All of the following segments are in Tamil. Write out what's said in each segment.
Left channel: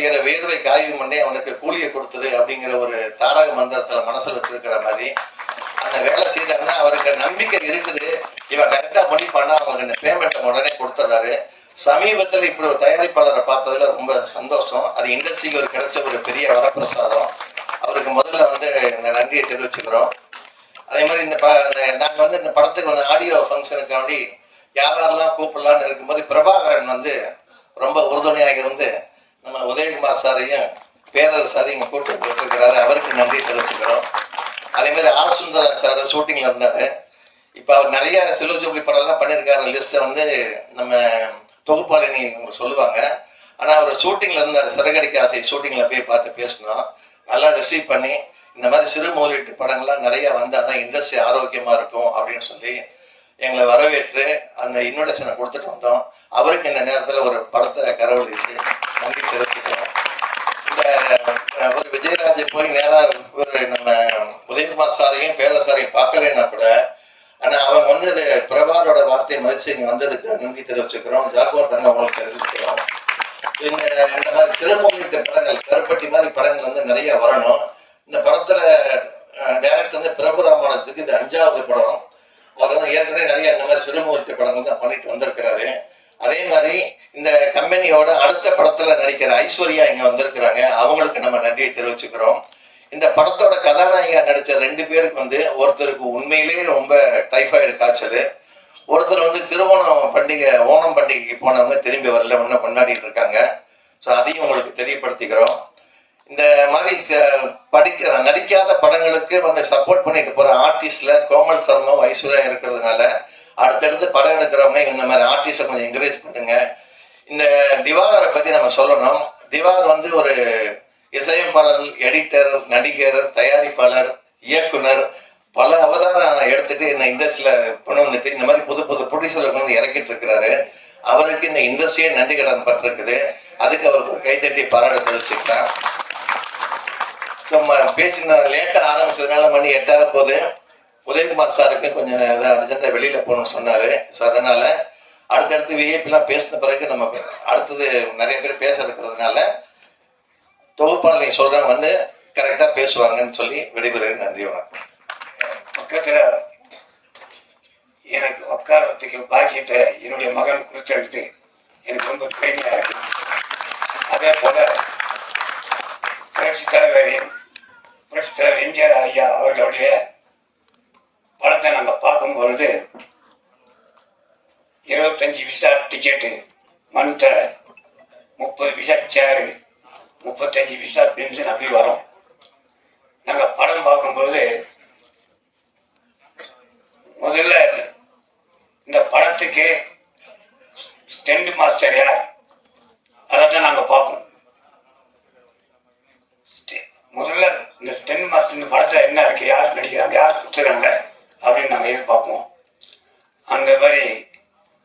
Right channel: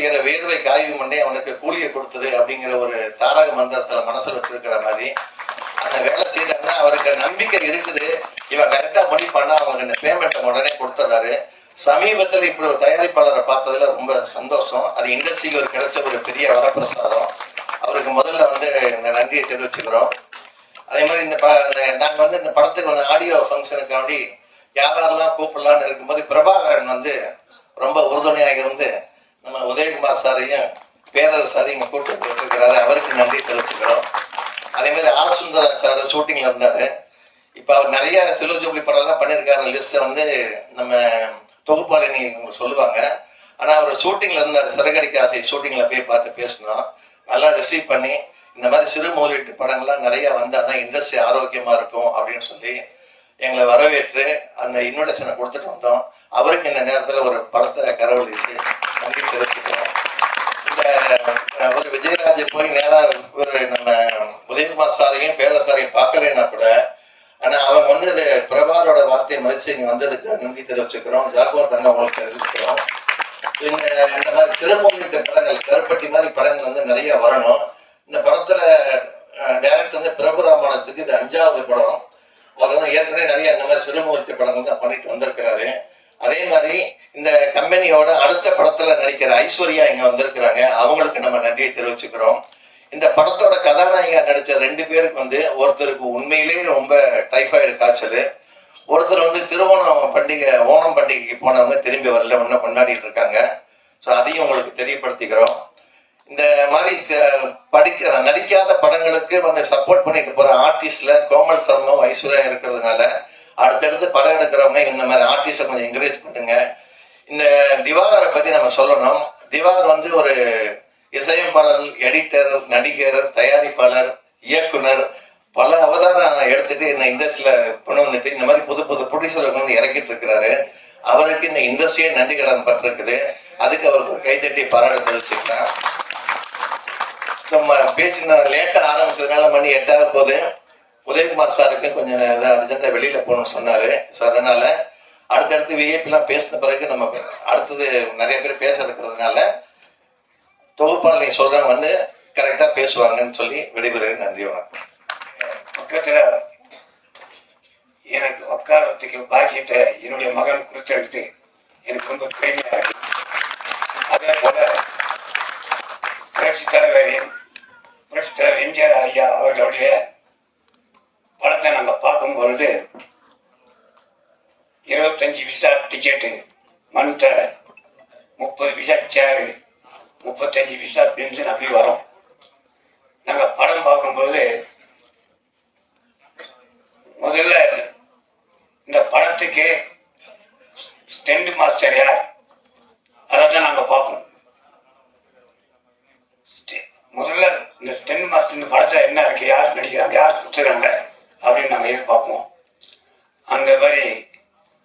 செய்யற வேர்வை காய்வு பண்ணி அவனுக்கு கூலியை கொடுத்துரு அப்படிங்கிற ஒரு தாரக மந்திரத்துல மனசுல வச்சிருக்கிற மாதிரி அந்த வேலை செய்யறாங்கன்னா அவருக்கு நம்பிக்கை இருக்குது. இவன் கரெக்டா மொழி பண்ணா அவங்க இந்த பேமெண்ட்டை உடனே கொடுத்துட்றாரு. சமீபத்தில் இப்படி ஒரு தயாரிப்பாளரை பார்த்ததுல ரொம்ப சந்தோஷம். அது இண்டஸ்ட்ரிக்கு ஒரு கிடைச்ச ஒரு பெரிய வரப்பிரசாதம். அவருக்கு முதல்ல வந்து இந்த நன்றியை தெரிவிச்சுக்கிறோம். அதே மாதிரி நாங்கள் வந்து இந்த படத்துக்கு வந்து ஆடியோ ஃபங்க்ஷனுக்காண்டி யாரெல்லாம் கூப்பிடலான்னு இருக்கும்போது பிரபாகரன் வந்து ரொம்ப உறுதுணையாக இருந்து நம்ம உதயகுமார் சாரையும் பேரர் சாரையும் இங்கே கூட்டு போட்டுருக்கிறாரு. அவருக்கு நன்றியை தெரிவிச்சுக்கிறோம். அதே மாதிரி ஆர் சுந்தரன் சார் ஷூட்டிங்கில் இருந்தார். இப்போ அவர் நிறைய சில்வர் ஜூப்ளி படம்லாம் பண்ணியிருக்காரு. லிஸ்ட்டை வந்து நம்ம தொகுப்பாளினி சொல்லுவாங்க. ஆனால் அவர் ஷூட்டிங்கில் இருந்தார். சிறகடிக்க ஆசை ஷூட்டிங்கில் போய் பார்த்து பேசணும். நல்லா ரிசீவ் பண்ணி இந்த மாதிரி சிறு முதலீட்டு படங்கள்லாம் நிறைய வந்தால் தான் இண்டஸ்ட்ரி ஆரோக்கியமாக இருக்கும் அப்படின்னு சொல்லி எங்களை வரவேற்று அந்த இன்விடேஷனை கொடுத்துட்டு வந்தோம். அவருக்கு இந்த நேரத்தில் ஒரு படத்தை கரவழித்து நன்றி தெரிவிக்கிறோம். இந்த ஒரு விஜயராஜ் போய் நேராக ஒரு நம்ம உதயகுமார் சாரையும் பேரர் சாரையும் பார்க்கலைன்னா கூட ஆனால் அவங்க வந்து அது பிரபாரோட வார்த்தையை மதிச்சு இங்கே வந்ததுக்கு நன்றி தெரிவிச்சுக்கிறோம். ஜாக்குவார் தாங்க அவங்களுக்கு தெரிவிச்சுக்கிறோம். இந்த மாதிரி திருமண படங்கள் கருப்பட்டி மாதிரி படங்கள் வந்து நிறைய வரணும். இந்த படத்துல டைரக்ட் வந்து பிரபுராமானத்துக்கு இது 5வது படம். அவர் வந்து ஏற்கனவே நிறைய இந்த மாதிரி சிறுமுகத்து படங்கள் தான் பண்ணிட்டு வந்திருக்கிறாரு. அதே மாதிரி இந்த கம்பெனியோட அடுத்த படத்துல நடிக்கிற ஐஸ்வர்யா இங்க வந்திருக்கிறாங்க. அவங்களுக்கு நம்ம நன்றியை தெரிவிச்சுக்கிறோம். இந்த படத்தோட கதாநாயகா நடிச்ச 2 பேருக்கு வந்து ஒருத்தருக்கு உண்மையிலேயே ரொம்ப டைஃபாய்டு காய்ச்சல், ஒருத்தர் வந்து திருவோணம் பண்டிகை ஓணம் பண்டிகைக்கு போனவங்க திரும்பி வரல, ஒன்றும் கொண்டாடிட்டு இருக்காங்க. ஸோ அதையும் உங்களுக்கு தெரியப்படுத்திக்கிறோம். இந்த மாதிரி நடிக்காத படங்களுக்கு வந்து சப்போர்ட் பண்ணிட்டு போற ஆர்டிஸ்ட்ல கோமல் சர்மாவும் ஐஸ்வர்யா இருக்கிறதுனால அடுத்தடுத்து படம் எடுக்கிறவங்க இந்த மாதிரி ஆர்டிஸ்டை கொஞ்சம் என்கரேஜ் பண்ணுங்க. இந்த திவாகரை பத்தி நம்ம சொல்லணும். திவாகர் வந்து ஒரு இசையமைப்பாளர், எடிட்டர், நடிகர், தயாரிப்பாளர், இயக்குனர், பல அவதாரம் எடுத்துட்டு இந்த இண்டஸ்ட்ரியில கொண்டு வந்துட்டு இந்த மாதிரி புது புது ப்ரொடியூசர் வந்து இறக்கிட்டு இருக்கிறாரு. அவருக்கு இந்த இண்டஸ்ட்ரியே நன்றி கடன் பட்டிருக்குது. அதுக்கு அவருக்கு ஒரு கைத்தட்டி பாராட்டு தெரிவிச்சுக்கலாம். பேசின லேட்டா ஆரம்பிச்சதுனால மணி 8 போது உதயகுமார் சாருக்கு கொஞ்சம் அர்ஜென்டா வெளியில போகணும்னு சொன்னாரு. ஸோ அதனால அடுத்தடுத்து விஐபிலாம் பேசின பிறகு நம்ம அடுத்தது நிறைய பேர் பேச இருக்கிறதுனால தொகுப்பாளர் நீ சொல்றவங்க வந்து கரெக்டா பேசுவாங்கன்னு சொல்லி விடைபெறுகிறேன். நன்றி, வணக்கம். பக்கத்துல எனக்கு உட்காரத்துக்கு பாக்கியத்தை என்னுடைய மகன் கொடுத்தெடுத்து எனக்கு ரொம்ப பெருமையா இருக்கு. அதே போல புரட்சி தலைவர் எம்ஜிஆர் ஐயா அவர்களுடைய படத்தை நாங்க பார்க்கும் பொழுது 25 விசா டிக்கெட்டு மந்த் 30 விசா சேரு 35 விசா பென்ஷன் அப்படி வரும். நாங்க படம் பார்க்கும்போது முதல்ல இந்த படத்துக்கு ஸ்டெண்ட் மாஸ்டர் யார் அதான் நாங்க பார்ப்போம். முதல்ல இந்த ஸ்டெண்ட் மாஸ்டர் இந்த படத்துல என்ன இருக்கு, யார் நடிக்கிறாங்க, யார் கொடுத்துருக்காங்க அப்படின்னு நாங்க எதிர்பார்ப்போம். அந்த மாதிரி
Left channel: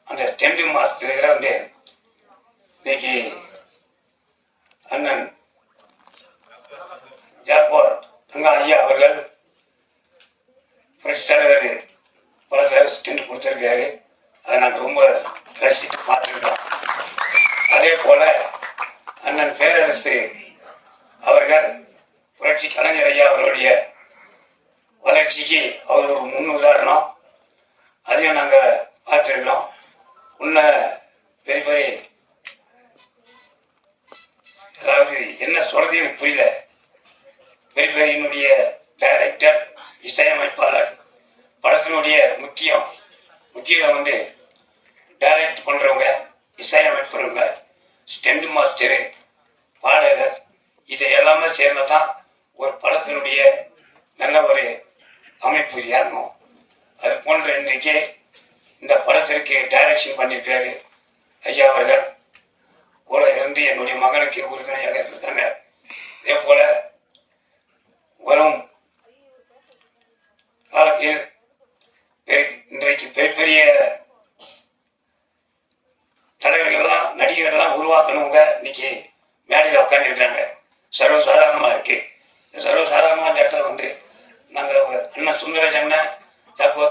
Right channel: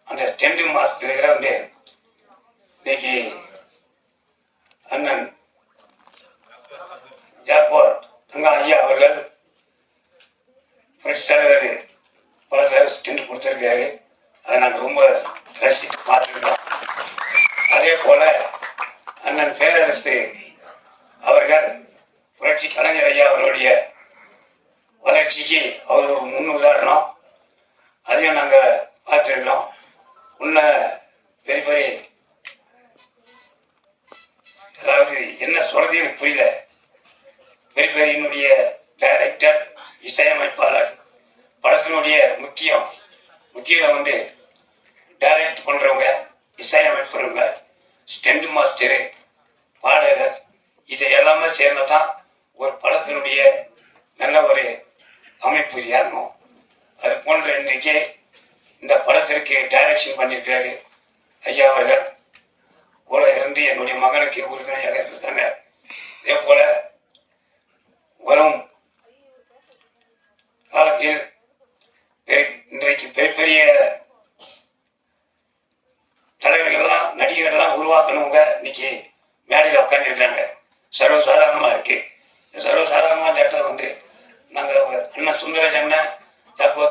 அந்த ஸ்டெண்ட் மாஸ்டர் வந்து இன்னைக்கு அண்ணன் ஜாக்குவார் தங்க ஐயா அவர்கள் புரட்சி தலைவர் படத்தில் ஸ்டெண்ட் கொடுத்துருக்காரு. அதை நாங்கள் ரொம்ப ரசித்து பார்த்துருக்கோம். அதே போல அண்ணன் பேரரசு அவர்கள் புரட்சி கலைஞர் ஐயா அவருடைய வளர்ச்சிக்கு அவர் ஒரு முன் உதாரணம். அதையும் நாங்கள் பார்த்துருக்கிறோம். உன்ன பெரிய பெரிய அதாவது என்ன சொல்றது எனக்கு புரியல. பெரிய பெரியனுடைய டைரக்டர், இசையமைப்பாளர், படத்தினுடைய முக்கியம் வந்து டைரக்ட் பண்றவங்க, இசையமைப்புறவங்க, ஸ்டெண்ட் மாஸ்டரு, பாடகர், இதை எல்லாமே சேர்ந்ததான் ஒரு படத்தினுடைய நல்ல ஒரு அமைப்பு ஏறணும். அது போன்ற இன்றைக்கு இந்த படத்திற்கு டைரக்ஷன் பண்ணியிருக்காரு ஐயா அவர்கள். கூட இருந்து என்னுடைய மகனுக்கு உறுதுணையாக இருக்காங்க. அதே போல வரும் காலத்தில் இன்றைக்கு பெரிய தலைவர்கள்லாம் நடிகர்கள்லாம் உருவாக்கணுங்க இன்னைக்கு மேடையில் உட்காந்துருக்காங்க. சர்வசாதாரணமாக இருக்கு. சர்வசாதாரணமாக அந்த இடத்துல வந்து நாங்கள் அண்ணன் சுந்தரஜ் அண்ணன்,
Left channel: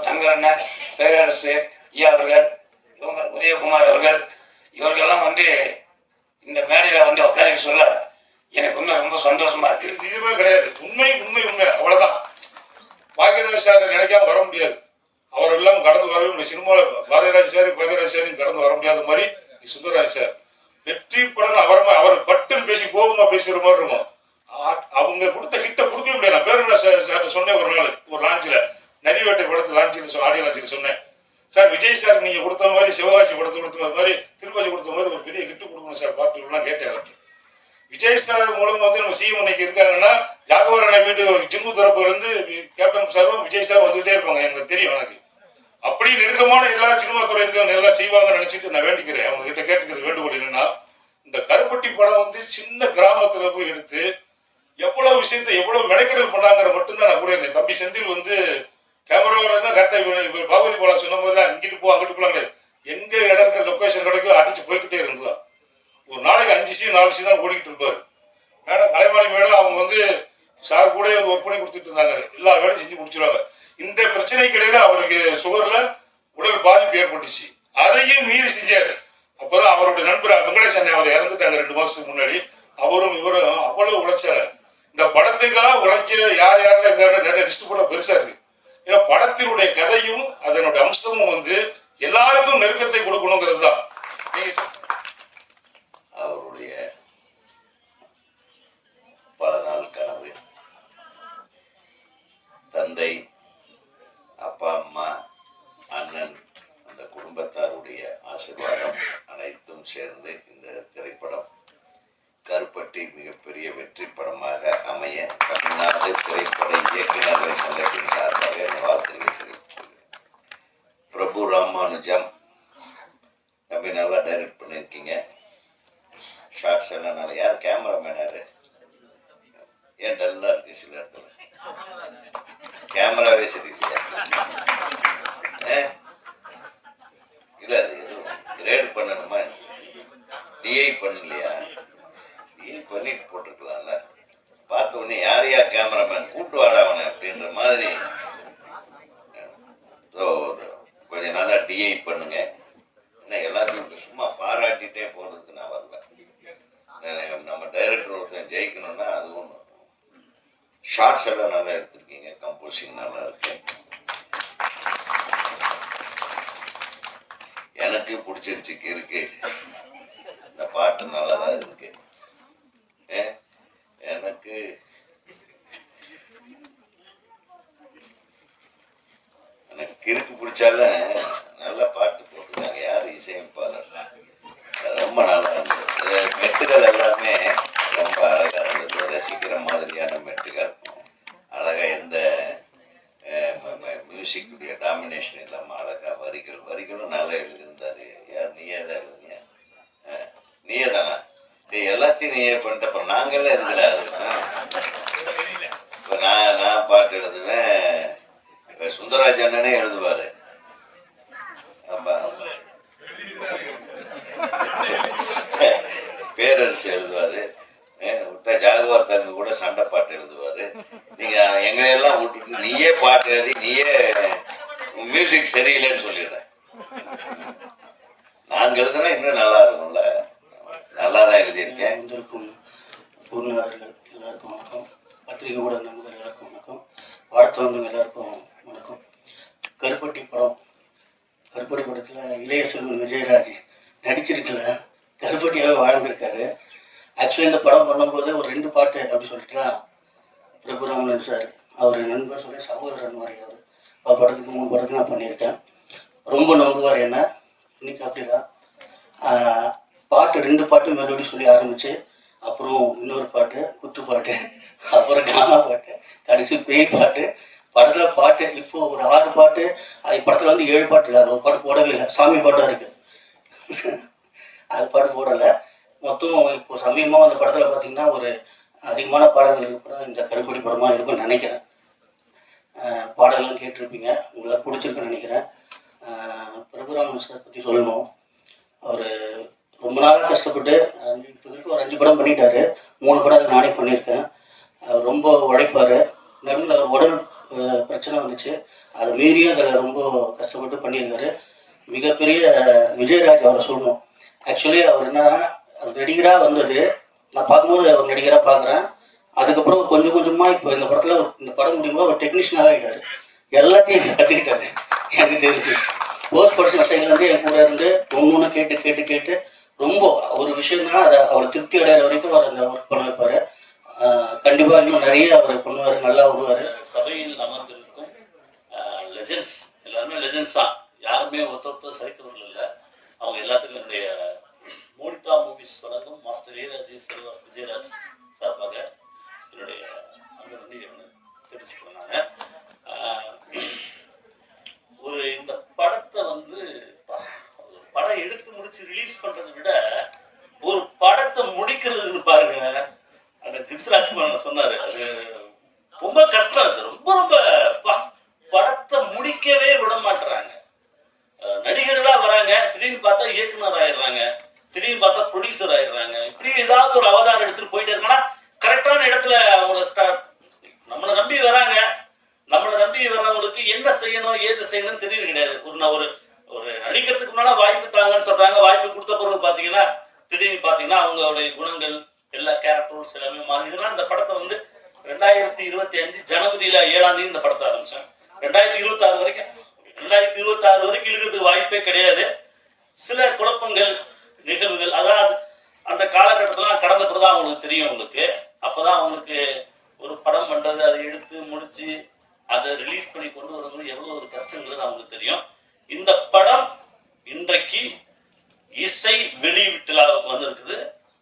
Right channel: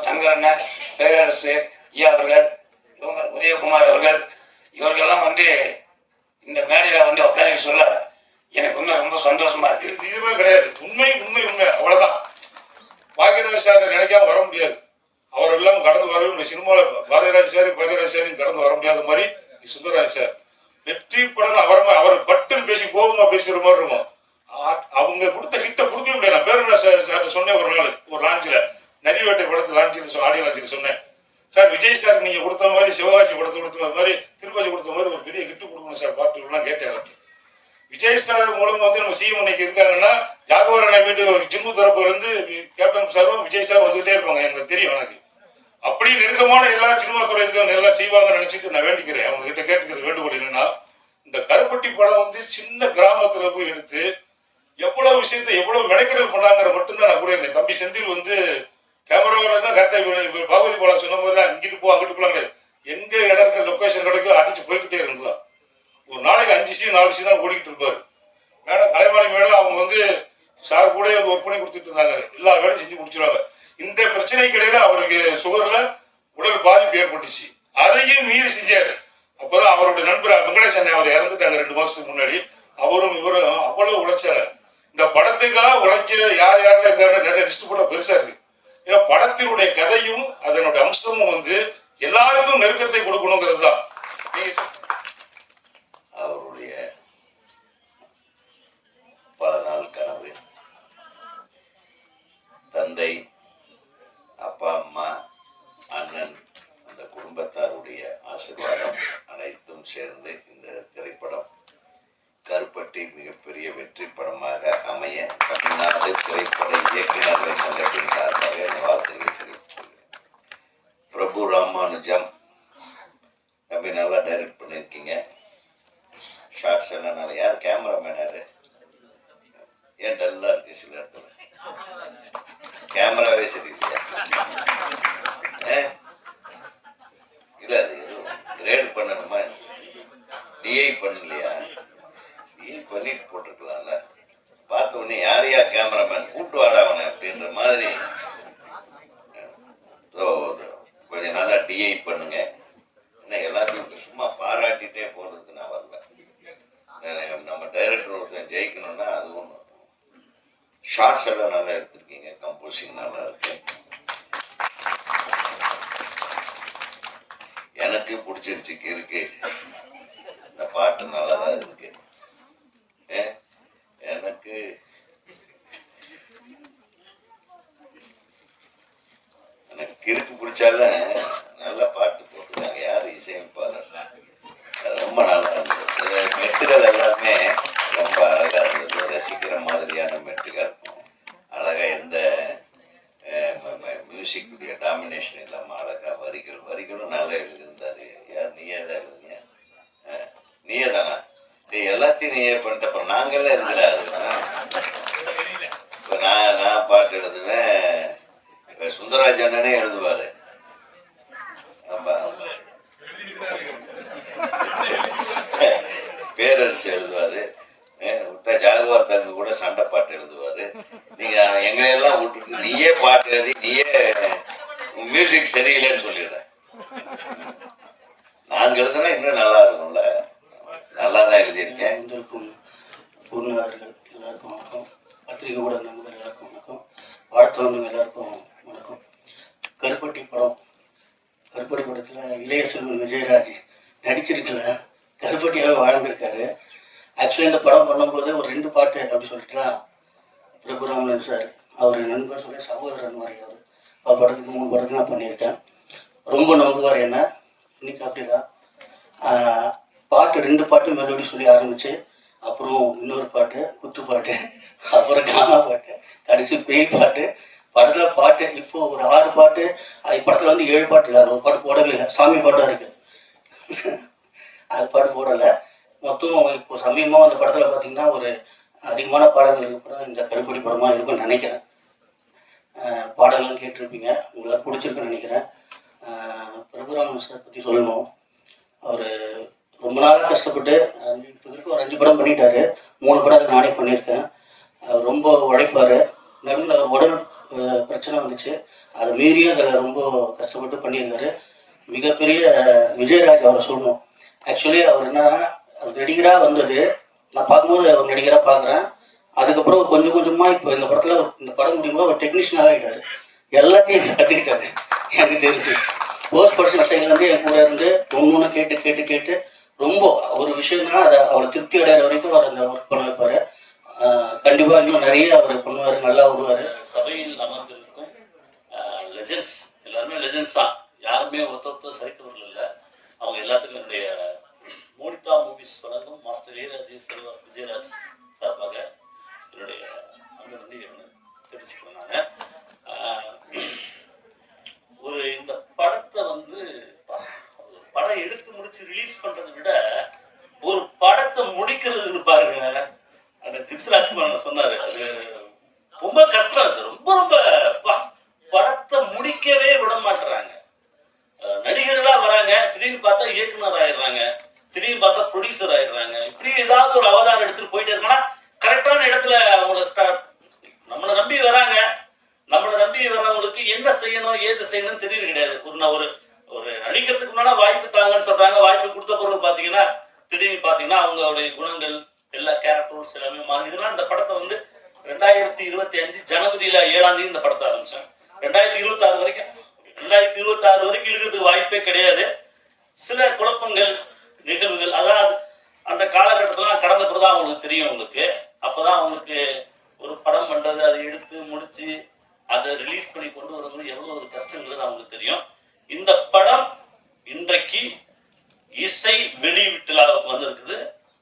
தங்க அண்ணன், பேரரசு ஐயா அவர்கள், இவங்க உதயகுமார் அவர்கள், இவர்கள்லாம் வந்து இந்த மேடையில் வந்து உட்காந்து சொல்ல எனக்கு இன்னும் ரொம்ப சந்தோஷமா இருக்கு. இதுவுமே கிடையாது. உண்மை உண்மை உண்மை அவ்வளவுதான். பாக்யராஜ் சார் நினைக்காம வர முடியாது. அவர் எல்லாம் கடந்து வரவே முடியும். சினிமாவில் பாரதிராஜ் சாரையும் கடந்து வர முடியாத மாதிரி சுந்தரராஜ் சார் வெற்றி படம் அவர் பட்டுன்னு பேசி கோபமா பேசுற மாதிரி இருக்கும். அவங்க கொடுத்த ஹிட்ட கொடுக்க முடியாது. நான் பேரரசு சார் சொன்னேன் ஒரு நாள் ஒரு லான்ச்சில், நரிவேட்டை படத்து லான்ச்சில் ஆடியோ லான்ச்சில் சொன்னேன், சார் விஜய் சார் நீங்க கொடுத்த மாதிரி சிவகாசி படத்தை கொடுத்த மாதிரி திருப்பதி கொடுத்த மாதிரி ஒரு பெரிய ஹிட்டு கொடுக்கணும் சார் பாட்டுலாம் கேட்டேன். விஜய் சார் மூலம் நம்ம சிஎம் இன்னைக்கு இருக்காங்கன்னா ஜாகவரனை போயிட்டு ஜிம்மு தரப்புல இருந்து கேப்டன் சாரும் விஜய் சார் வந்துகிட்டே இருப்பாங்க. எனக்கு தெரியும். எனக்கு அப்படி நெருக்கமான எல்லா சினிமா துறை இருக்கவங்க எல்லாம் செய்வாங்கன்னு நினைச்சிட்டு நான் வேண்டிக்கிறேன். அவங்க கிட்ட கேட்டுக்கிறது வேண்டுகோள் என்னன்னா, இந்த கருப்பட்டி படம் சின்ன கிராமத்துல போய் எடுத்து எவ்வளவு விஷயத்த எவ்வளவு மெனக்கெடல் பண்ணாங்கிற மட்டும்தான் நான் கூட இருந்தேன். தம்பி செந்தில் கேமராவோட கரெக்டா பாகுபலி போல சொன்ன போது இங்கிட்டு போ அங்கிட்டு போலாம் கிடையாது. எங்க இடத்துல லொக்கேஷன் கிடைக்கும் அடிச்சு போய்கிட்டே இருந்தலாம். ஒரு நாளைக்கு 5 சீன் 4 சீனா ஓடிக்கிட்டு இருப்பாரு. மேடம் கலைமாளி மேடம் அவங்க சார் கூட ஒர்க் பண்ணி கொடுத்துட்டு இருந்தாங்க. எல்லா வேலையும் செஞ்சு முடிச்சிருவாங்க. இந்த பிரச்சனைக்கு இடையில அவருக்கு சுகர்ல உடல் பாதிப்பு ஏற்பட்டுச்சு. அதையும் மீறி செஞ்சாரு. அப்பதான் அவருடைய நண்பர் வெங்கடேசன் அவர் இறந்துட்டாங்க 2 மாசத்துக்கு முன்னாடி. அவரும் இவரும் அவ்வளவு உழைச்சாங்க. இந்த படத்துக்காக உழைக்கிற யாரெல்லாம் இருக்காங்க நிறைய லிஸ்ட் கூட பெருசா இருக்கு. ஏன்னா படத்தினுடைய கதையும் அதனுடைய அம்சமும் எல்லாருக்கும் நெருக்கத்தை கொடுக்கணுங்கிறது தான் அவருடைய பல நாள் கனவு. தந்தை, அப்பா, அம்மா, அண்ணன், அந்த குடும்பத்தாருடைய ஆசீர்வாதம் அனைத்தும் சேர்ந்து இந்த திரைப்படம் கருப்பட்டி மிகப்பெரிய வெற்றி படமாக அமைய தமிழ்நாடு திரைப்பட இயக்குநர்கள் சங்கத்தின் சார்பாக வாழ்த்துக்களை தெரிவித்துள்ளேன். பிரபு ராமானுஜம் தம்பி நல்லா டைரக்ட் பண்ணியிருக்கீங்க. ஷார்ட்ஸ் எல்லாம் நல்லா. யார் கேமராமேன்? யாரு? ஏன் டல்லா இருக்கு சில இடத்துல? கேமராவே சரியில்லையா? இல்லை அது எதுவும் கிரேட் பண்ணணுமா? டிஐ பண்ணலையா? டிஐ பண்ணிட்டு போட்டுருக்கலாம்ல. பார்த்த உடனே யாரையா கேமராமேன் கூட்டு வாடா அவனை அப்படின்ற மாதிரி கொஞ்ச நாளா டிஐ பண்ணுங்க. எல்லாத்துக்கும் சும்மா பாராட்டிட்டே போறதுக்கு நான் வரல. நம்ம டைரக்டர் ஒருத்தன் ஜெயிக்கணும்னா அது ஒன்று. ஷார்ட்ஸ் எல்லாம் நல்லா எடுத்திருக்கீங்க. கம்போசிங் நல்லா இருக்கு. எனக்கு பிடிச்சிருச்சு. இருக்கு இந்த பாட்டு நல்லாதான் இருக்கு. எனக்கு கிறுக்கு பிடிச்சாலும் நல்ல பாட்டு போட்டுருக்காங்க. யார் இசையமைப்பாளர்? ரொம்ப நல்லா இருந்தது. மெட்டுகள் எல்லாமே ரொம்ப அழகா இருந்தது. ரசிக்கிற மாதிரியான மெட்டுகள் அழகா. எந்த மியூசிக்குடைய டாமினேஷன் இல்லாமல் அழகா வரிகளும் நல்லா எழுதியிருந்தாரு. யார்? நீயே தான் எழுதுங்க. நீயே தானா? எல்லாத்தையும் நீயே பண்ணிட்ட. அப்புறம் நாங்கள்லாம் எதுங்களா இருக்கோம்? இப்போ நான் பாட்டு எழுதுவேன். இப்போ சுந்தரராஜ் அண்ணனே எழுதுவாரு. பேரரசு எழுதுவாரு. விட்டா ஜாகுவார் தங்க கூட சண்டை பாட்டு எழுதுவாரு. நீங்க எங்களையெல்லாம் விட்டுட்டு நீயே பாட்டு எழுதி நீயே மியூசிக் சரியில்லைன்னு சொல்லிடுறேன். நாங்க எழுதுனா இன்னும் நல்லா இருக்கும்ல. நல்லா தான் எழுதியிருக்கேன். பொருளாளர்கள் எல்லாருக்கும் வணக்கம். பத்திரிகை ஊடக நண்பர்கள் எல்லாருக்கும் வணக்கம். வாழ்த்தவங்க எல்லாருக்கும் வணக்கம். கருப்பட்டி படத்துல இளைய செல்வன் விஜயராஜ் நடிச்சிருக்கல, கருப்பட்டியாவே வாழ்ந்திருக்காரு. ஆக்சுவலி இந்த படம் பண்ணும்போது ஒரு 2 பாட்டு அப்படி சொல்லிட்டுலாம் பிரபுராமன் சார் அவர் நண்பர் சொல்லி சகோதரன் மாதிரி அவர் படத்துக்கு 3 படத்துக்கு நான் பண்ணியிருக்கேன். ரொம்ப நம்புவார் என்ன. இன்னைக்கு அப்படிதான் பாட்டு 2 பாட்டு மெலோடி சொல்லி ஆரம்பிச்சு, அப்புறம் இன்னொரு பாட்டு குத்து பாட்டு, அப்புறம் காணா பாட்டு, கடைசி பேய் பாட்டு. படத்துல பாட்டு இப்போ ஒரு 6 பாட்டு. படத்துல 7 பாட்டு இல்லை. ஒரு பாட்டு போடவே இல்லை. சாமி பாட்டும் இருக்கு. அது பாட்டு போடலை. மொத்தம் இப்போ சமீபமாக அந்த படத்துல பார்த்தீங்கன்னா ஒரு அதிகமான பாடல்கள் இருக்க படம் இந்த கருப்பட்டி படமா இருக்கும்னு நினைக்கிறேன். பாடல்கள்லாம் கேட்டிருப்பீங்க. உங்களுக்கு பிடிச்சிருக்குன்னு நினைக்கிறேன். பிரபுராமன் சார் பற்றி சொல்லணும். அவர் ரொம்ப நாளாக கஷ்டப்பட்டு இப்போ வரைக்கும் ஒரு 5 படம் பண்ணிட்டாரு. 3 படம் நானே பண்ணியிருக்கேன். அவர் ரொம்ப உழைப்பார். நடுவில் அவர் உடல் பிரச்சனை வந்துச்சு. அதை மீறியும் அதில் ரொம்ப கஷ்டப்பட்டு பண்ணியிருக்காரு. மிகப்பெரிய விஜயராஜ் அவரை சொல்லணும். ஆக்சுவலி அவர் என்னன்னா நடிகராக வந்தது நான் பார்க்கும்போது ஒரு நடிகராக பார்க்குறேன். அதுக்கப்புறம் ஒரு கொஞ்சம் கொஞ்சமாக இப்போ இந்த படத்தில் இந்த படம் முடியும்போது ஒரு டெக்னீஷியனாக ஆகிட்டாரு. எல்லாத்தையும் எனக்கு கற்றுக்கிட்டாரு. எனக்கு தெரிஞ்சு போஸ்ட் ப்ரொடக்ஷன் சைட்லேருந்து என் கூட இருந்து ஒன்று கேட்டு கேட்டு கேட்டு ரொம்ப ஒரு விஷயம்னா அதை அவரை திருப்தி அடைகிற வரைக்கும் அவர் அந்த ஒர்க் பண்ண வைப்பார். கண்டிப்பாக இன்னும் நிறைய அவர் பண்ணுவார், நல்லா வருவார். சபையில் அமர்ந்திருக்கும் லெஜெண்ட்ஸ் எல்லாருமே லெஜெண்ட்ஸ் தான். யாருமே ஒருத்தர் சரித்திரங்கள் இல்லை. அவங்க எல்லாத்துக்கும் என்னுடைய மோனிதா மூவிஸ் வழங்கும் மாஸ்டர் விஜயராஜ் சார்பாக என்னுடைய அந்த நன்றி தெரிவிச்சுக்கிறேன். நான் ஒரு இந்த படத்தை வந்து படம் எடுத்து முடிச்சு ரிலீஸ் பண்றதை விட ஒரு படத்தை முடிக்கிறது பாருங்க, அந்த ஜிப்ஸ் ராஜ்குமார் சொன்னாரு, அது ரொம்ப கஷ்டம். அது ரொம்ப ரொம்ப படத்தை முடிக்கவே விட மாட்டுறாங்க. நடிகர்களா வராங்க, திடீர்னு பார்த்தா இயக்குனர் ஆயிடுறாங்க, திடீர்னு பார்த்தா ப்ரொடியூசர் ஆயிடுறாங்க. இப்படி ஏதாவது ஒரு அவதாரம் எடுத்துட்டு போயிட்டே இருக்கா கரெக்டான இடத்துல அவங்க நம்மளை நம்பி வராங்க. நம்மளை நம்பி வர்றவங்களுக்கு என்ன செய்யணும் ஏது செய்யணும்னு தெரியுது கிடையாது. ஒரு நடிக்கிறதுக்கு முன்னால வாய்ப்பு தாங்கன்னு சொல்றாங்க. வாய்ப்பு கொடுத்த பொருள் பாத்தீங்கன்னா திடீர்னு பாத்தீங்கன்னா அவங்களுடைய குணங்கள் எல்லா கேரக்டர்ஸ் எல்லாமே மாறி. இதெல்லாம் இந்த படத்தை வந்து 2025 ஜனவரியில 7ஆம் தேதி இந்த படத்தை ஆரம்பிச்சேன். 2026 வரைக்கும் 2026 வரைக்கும் இருக்கிறதுக்கு வாய்ப்பே கிடையாது. சில குழப்பங்கள் நிகழ்வுகள் அதாவது அந்த காலகட்டத்தில் கடந்த பிறதான் அவங்களுக்கு தெரியும். உங்களுக்கு அப்பதான் அவங்களுக்கு ஒரு படம் பண்றது, அதை எடுத்து முடிச்சு அதை ரிலீஸ் பண்ணி கொண்டு வரது எவ்வளவு ஒரு கஷ்டங்கிறது அவங்களுக்கு தெரியும். இந்த படம் இன்றைக்கு இசை வெளியீட்டுலாவுக்கு வந்திருக்குது.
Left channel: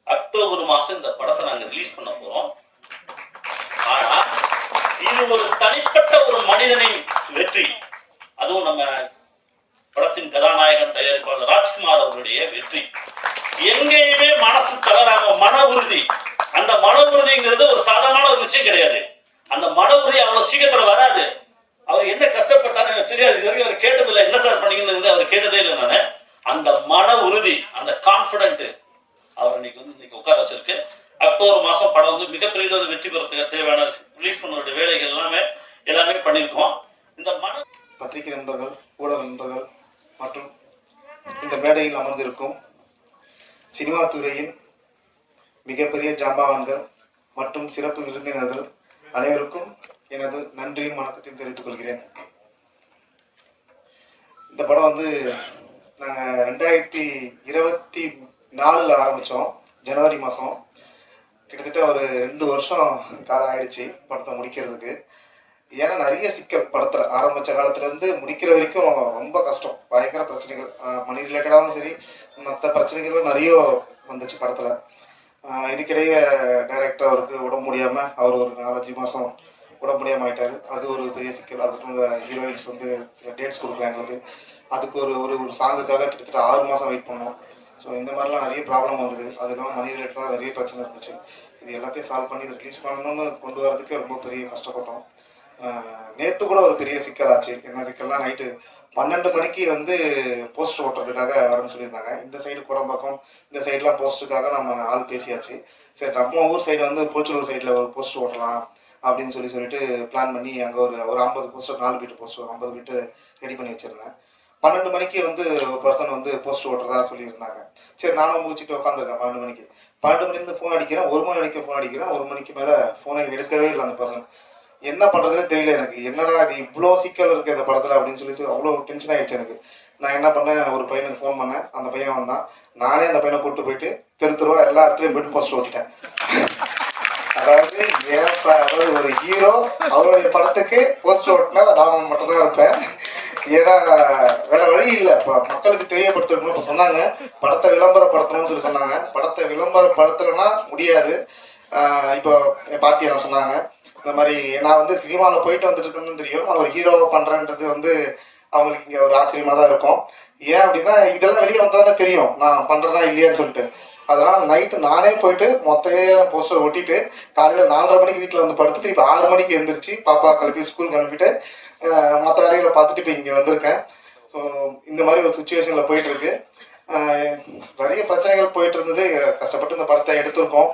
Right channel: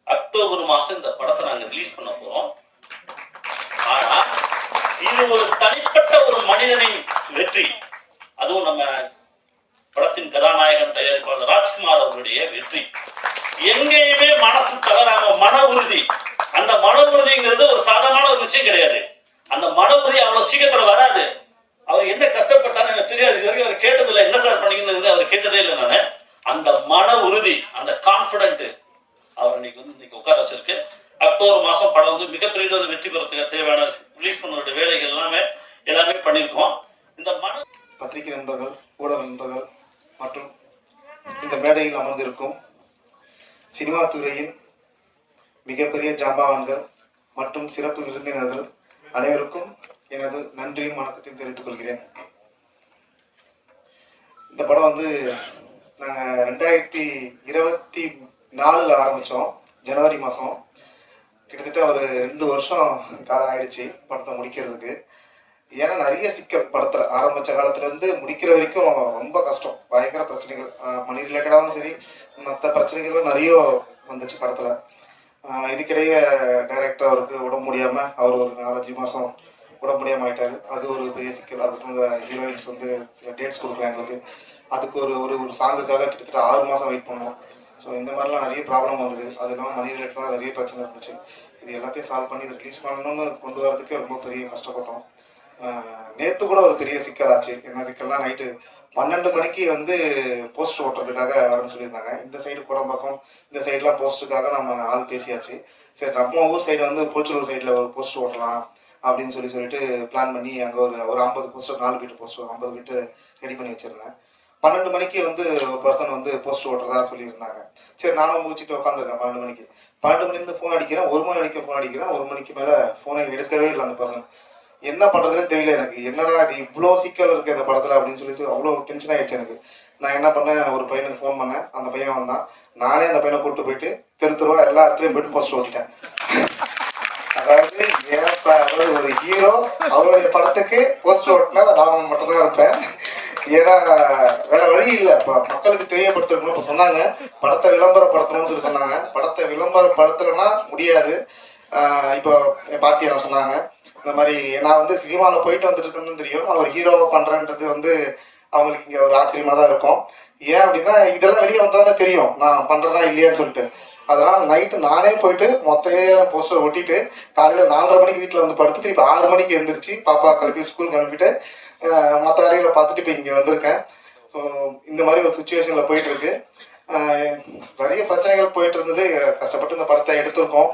அக்டோபர் மாசம் இந்த படத்தை நாங்க ரிலீஸ் பண்ண போறோம். ஆனா இது ஒரு தனிப்பட்ட ஒரு மனிதனின் வெற்றி. அதுவும் நம்ம படத்தின் கதாநாயகன் தயாரிப்பாளர் ராஜ்குமார் அவருடைய வெற்றி. எங்கேயுமே மனசு தளராம மன உறுதி. அந்த மன உறுதிங்கிறது ஒரு சாதாரண ஒரு விஷயம் கிடையாது. அந்த மன உறுதி அவ்வளவு சீக்கிரத்துல வராது. அவர் என்ன கஷ்டப்பட்டாரு எனக்கு தெரியாது. இது வரைக்கும் அவர் கேட்டதில்லை, என்ன சார் பண்ணீங்கன்னு அவர் கேட்டதே இல்லை. நானு அந்த மன உறுதி, அந்த கான்பிடன்ட் அவர் இன்னைக்கு உட்கார வச்சிருக்கு. அக்டோபர் மாசம் படம் வந்து மிகப்பெரிய ஒரு வெற்றி பெறத்துக்கு தேவையான ரிலீஸ் பண்ணுற வேலைகள் எல்லாமே பண்ணியிருக்கோம். இந்த பத்திரிகை நண்பர்கள், ஊடக நண்பர்கள் மற்றும் இந்த மேடையில் அமர்ந்திருக்கும் சினிமா துறையின் மிகப்பெரிய ஜாம்பவான்கள் மற்றும் சிறப்பு விருந்தினர்கள் அனைவருக்கும் எனது நன்றியும் வணக்கத்தையும் தெரிவித்துக் கொள்கிறேன். இந்த படம் வந்து நாங்கள் 2024 ஆரம்பித்தோம். ஜனவரி மாதம் கிட்டத்தட்ட ஒரு 2 வருஷம் காலம் ஆயிடுச்சு படத்தை முடிக்கிறதுக்கு. ஏன்னா நிறைய சிக்கல் படத்தில் ஆரம்பித்த காலத்துலேருந்து முடிக்கிற வரைக்கும் ரொம்ப கஷ்டம். பயங்கர பிரச்சனைகள், மணி ரிலேட்டடாகவும் சரி மற்ற பிரச்சனைகளும் நிறைய வந்துச்சு படத்தில். இதுக்கிடையே டைரக்டர் அவருக்கு உடம்பு முடியாமல் அவர் ஒரு 4-5 மாதம் உடம்பு முடியாமல் ஆகிட்டார். அது ஒரு பெரிய சிக்கல். அதுக்கப்புறம் ஹீரோயின்ஸ் வந்து சில டேட்ஸ் கொடுக்குறாங்க எங்களுக்கு. அதுக்கு ஒரு சாங்குக்காக கிட்டத்தட்ட 6 மாதம் வெயிட் பண்ணோம். ஸோ இந்த மாதிரிலாம் நிறைய ப்ராப்ளம் வந்தது. அது இல்லாமல் மணி ரிலேட்டடாக நிறைய பிரச்சனை இருந்துச்சு. இது எல்லாத்தையும் சால்வ் பண்ணி இதை ரிலீஸ் பண்ணணும்னு கொண்டு வரதுக்கு ரொம்ப பெரிய கஷ்டப்பட்டோம். நேற்று கூட ஒரு பெரிய சிக்கல் ஆச்சு. என்ன சிக்கல்னா, நைட்டு 12 மணிக்கு வந்து போஸ்டர் ஓட்டுறதுக்காக வரணும்னு சொல்லியிருந்தாங்க. இந்த சைடு குடம்பாக்கம், இந்த சைடெலாம் போஸ்டருக்காக நம்ம ஆள் பேசியாச்சு. சரி, நம்ம ஊர் சைடு வந்து புளிச்சலூர் சைடில் ஒரு போஸ்டர் ஓட்டலாம் அப்படின்னு சொல்லிட்டு பிளான் பண்ணி அங்கே ஒரு 50 poster, 4 beat poster 50 beat ready பண்ணி வச்சுருந்தேன். 12 மணிக்கு வந்து ஒரு பர்சன் வந்து போஸ்டர் ஓட்டுறதா சொல்லியிருந்தாங்க. சரி, நானும் முடிச்சுட்டு உட்காந்துருக்கேன். 12 மணிக்கு 12 மணிலேருந்து ஃபோன் அடிக்கிறேன். 1 மணி அடிக்க ஃபோன் அடிக்கிறேன். 1 மணிக்கு மேலே ஃபோனை எடுக்கவே இல்லை அந்த பர்சன். என்ன பண்ணுறதுன்னு தெரியல எனக்கு. என்னடா அது இவ்வளோ சிக்கல் இருக்குது இந்த படத்தில் அப்படின்னு சொல்லிட்டு அவ்வளோ டென்ஷன் ஆகிடுச்சு எனக்கு. நான் என்ன பண்ணேன், ஒரு பையனுக்கு ஃபோன் பண்ணேன். அந்த பையன் வந்தான். நானே அந்த பையனை கூப்பிட்டு போயிட்டு தெருவா எல்லா இடத்துலையும் போயிட்டு போஸ்டர் ஓட்டிட்டேன். அதாவது ஒரு ஹீரோ அவருடைய படத்துக்கு போஸ்டர் ஓட்டினா நான் மட்டும்தான் இருப்பேன். ஏன்னா வேற வழி இல்லை. இப்போ மக்களுக்கு தெரியப்படுத்தணும். இப்போ சொன்னாங்க படத்தை விளம்பரப்படுத்தணும்னு சொல்லி சொன்னாங்க. படத்தை விளம்பரப்படுத்தலைன்னா முடியாது. இப்போ பார்த்தியா சொன்னாங்க இந்த மாதிரி நான் வந்து சினிமாவில் போயிட்டு வந்துட்டு இருக்கேன்னு தெரியும். நான் ஒரு ஹீரோவை பண்ணுறேன்றது வந்து அவங்களுக்கு இங்கே ஒரு ஆச்சரியமாக தான் இருக்கும். ஏன் அப்படின்னா இதெல்லாம் வெளியே வந்ததானே தெரியும் நான் பண்ணுறேன்னா இல்லையான்னு சொல்லிட்டு. அதனால் நைட்டு நானே போயிட்டு மொத்த போஸ்டர் ஒட்டிட்டு காலையில் 4:30 மணிக்கு வீட்டில் வந்து படுத்து திருப்பி 6 மணிக்கு எழுந்திரிச்சு பாப்பா கிளப்பி ஸ்கூலுக்கு அனுப்பிட்டு மற்ற வேலைகளை பார்த்துட்டு இப்போ இங்கே வந்திருக்கேன். ஸோ இந்த மாதிரி ஒரு சுச்சுவேஷனில் போயிட்டுருக்கு. நிறைய பிரச்சனைகள் போயிட்டு இருந்தது. கஷ்டப்பட்டு இந்த படத்தை எடுத்திருக்கோம்.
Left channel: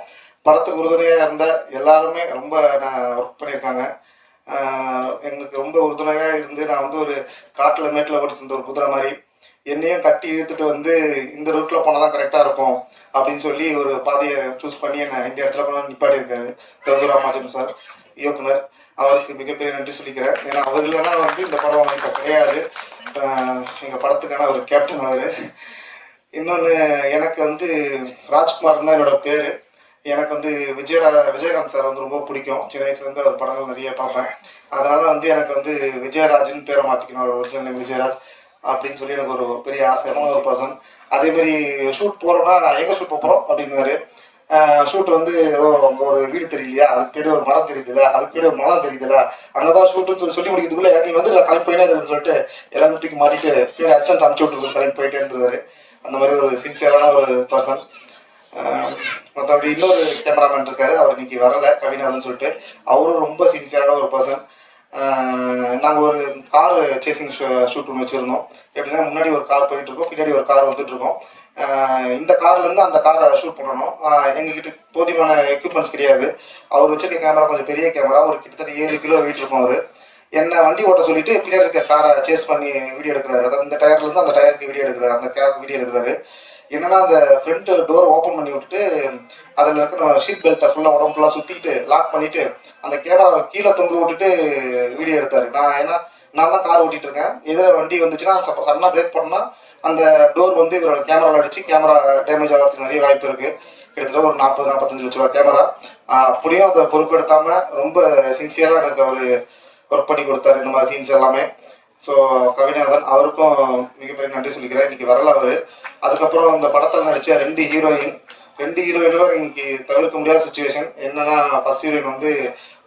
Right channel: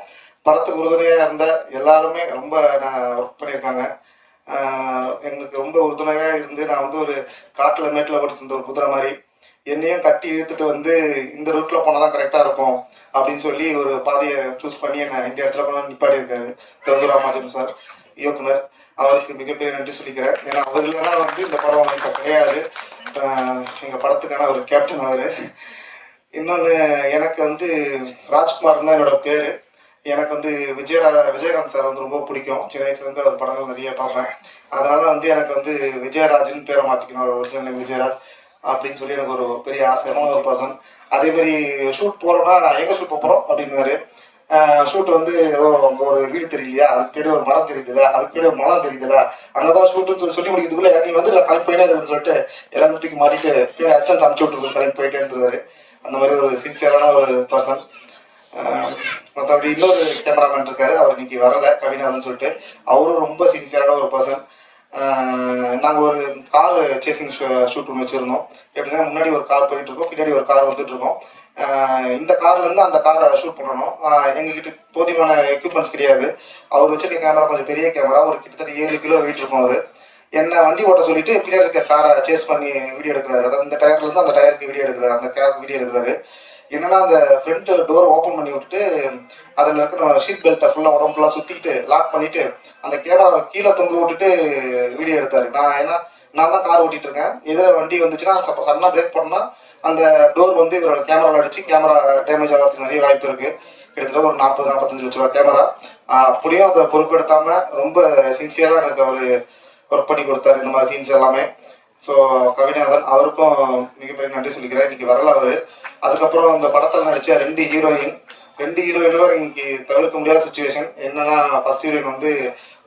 படத்துக்கு உறுதுணையாக இருந்த எல்லாருமே ரொம்ப ஒர்க் பண்ணியிருக்காங்க. எங்களுக்கு ரொம்ப உறுதுணையாக இருந்து நான் வந்து ஒரு காட்டில் மேட்டில் ஓடிட்டு இருந்த ஒரு குதிரை மாதிரி என்னையும் கட்டி இழுத்துட்டு வந்து இந்த ரூட்ல போனால் தான் கரெக்டாக இருக்கும் அப்படின்னு சொல்லி ஒரு பாதையை சூஸ் பண்ணி என்ன இந்த இடத்துல கொண்டு நிப்பாடி இருக்காரு கருது ராமாஜன் சார் இயக்குனர். அவருக்கு மிகப்பெரிய நன்றி சொல்லிக்கிறேன். ஏன்னா அவர் இல்லைன்னா வந்து இந்த படம் இப்போ கிடையாது. எங்கள் படத்துக்கான ஒரு கேப்டன் அவர். இன்னொன்று, எனக்கு வந்து ராஜ்குமார் தான் என்னோட பேர். எனக்கு வந்து விஜயகாந்த் சார் வந்து ரொம்ப பிடிக்கும். சின்ன வயசுலேருந்து அவர் படங்கள் நிறைய பார்ப்பேன். அதனால வந்து எனக்கு வந்து விஜயராஜ்னு பேரை மாற்றிக்கணும், ஒரு ஒரிஜினல் நேம் விஜயராஜ் அப்படின்னு சொல்லி எனக்கு ஒரு பெரிய ஆசையான ஒரு பர்சன். அதேமாரி ஷூட் போகிறோன்னா நான் எங்கே ஷூட் போகிறோம் அப்படின்னுவாரு. ஷூட் வந்து ஏதோ அங்கே ஒரு வீடு தெரியலையா, அதுக்கு பின்னாடி ஒரு மரம் தெரியுதுல்ல, அதுக்கு பின்னாடி ஒரு மரம் தெரியுதுல்ல, அங்கே தான் ஷூட்டுன்னு சொல்லி முடிக்கிறதுக்குள்ள நீ வந்து நான் கிளம்பி போயினே இருக்குன்னு சொல்லிட்டு எல்லாத்தையும் தூக்கி மாட்டிட்டு பின்னாடி அசிஸ்டன்ட் அனுப்பிச்சு விட்டுருக்கு, கிளம்பி போயிட்டே இருந்துருவாரு. அந்த மாதிரி ஒரு சின்சியரான ஒரு பர்சன். மற்றபடி இன்னொரு கேமராமேன் இருக்காரு, அவர் இன்னைக்கு வரலை, கவிநாதன் சொல்லிட்டு. அவரும் ரொம்ப சின்சியரான ஒரு பர்சன். நாங்கள் ஒரு கார் சேசிங் ஷூட் ஒன்று வச்சுருந்தோம். எப்படின்னா முன்னாடி ஒரு கார் போயிட்டு இருக்கோம், பின்னாடி ஒரு கார் வந்துட்டு இருக்கோம். இந்த கார்லேருந்து அந்த காரை ஷூட் பண்ணணும். எங்ககிட்ட போதுமான எக்யூப்மெண்ட்ஸ் கிடையாது. அவர் வச்சிருக்க கேமரா கொஞ்சம் பெரிய கேமரா, ஒரு கிட்டத்தட்ட 7 கிலோ வெயிட் இருக்கும். அவர் என்ன வண்டி ஓட்ட சொல்லிட்டு பின்னாடி இருக்க காரை சேஸ் பண்ணி வீடியோ எடுக்கிறாரு. அதாவது இந்த டயர்லேருந்து அந்த டயருக்கு வீடியோ எடுக்கிறாரு, அந்த கேருக்கு வீடியோ எடுக்கிறாரு. என்னன்னா அந்த ஃப்ரண்ட் டோர் ஓப்பன் பண்ணி விட்டுட்டு அதில் இருக்க நம்ம ஷீட் பெல்ட்டை ஃபுல்லாக உடம்பு ஃபுல்லாக சுற்றிட்டு லாக் பண்ணிவிட்டு அந்த கேமராவை கீழே தொங்க விட்டுட்டு வீடியோ எடுத்தார். நான் தான் கார் ஓட்டிகிட்டு இருக்கேன். எதிர வண்டி வந்துச்சுன்னா சப்போ சடனாக பிரேக் பண்ணால் அந்த டோர் வந்து இவரோட கேமராவில் அடித்து கேமரா டேமேஜ் ஆகிறதுக்கு நிறைய வாய்ப்பு இருக்குது. கிட்டத்தட்ட ஒரு 40-45 லட்ச ரூபா கேமரா. அப்படியும் அதை பொறுப்பெடுத்தாமல் ரொம்ப சின்சியராக எனக்கு அவர் ஒர்க் பண்ணி கொடுத்தாரு இந்த மாதிரி சீன்ஸ் எல்லாமே. ஸோ கவிநாதன் அவருக்கும் மிகப்பெரிய நன்றி சொல்லிக்கிறேன். இன்னைக்கு வரல அவர். அதுக்கப்புறம் அந்த படத்தில் நடித்த 2 ஹீரோயினும் இன்னைக்கு தவிர்க்க முடியாத சுச்சுவேஷன். என்னன்னா ஃபர்ஸ்ட் ஹீரோயின் வந்து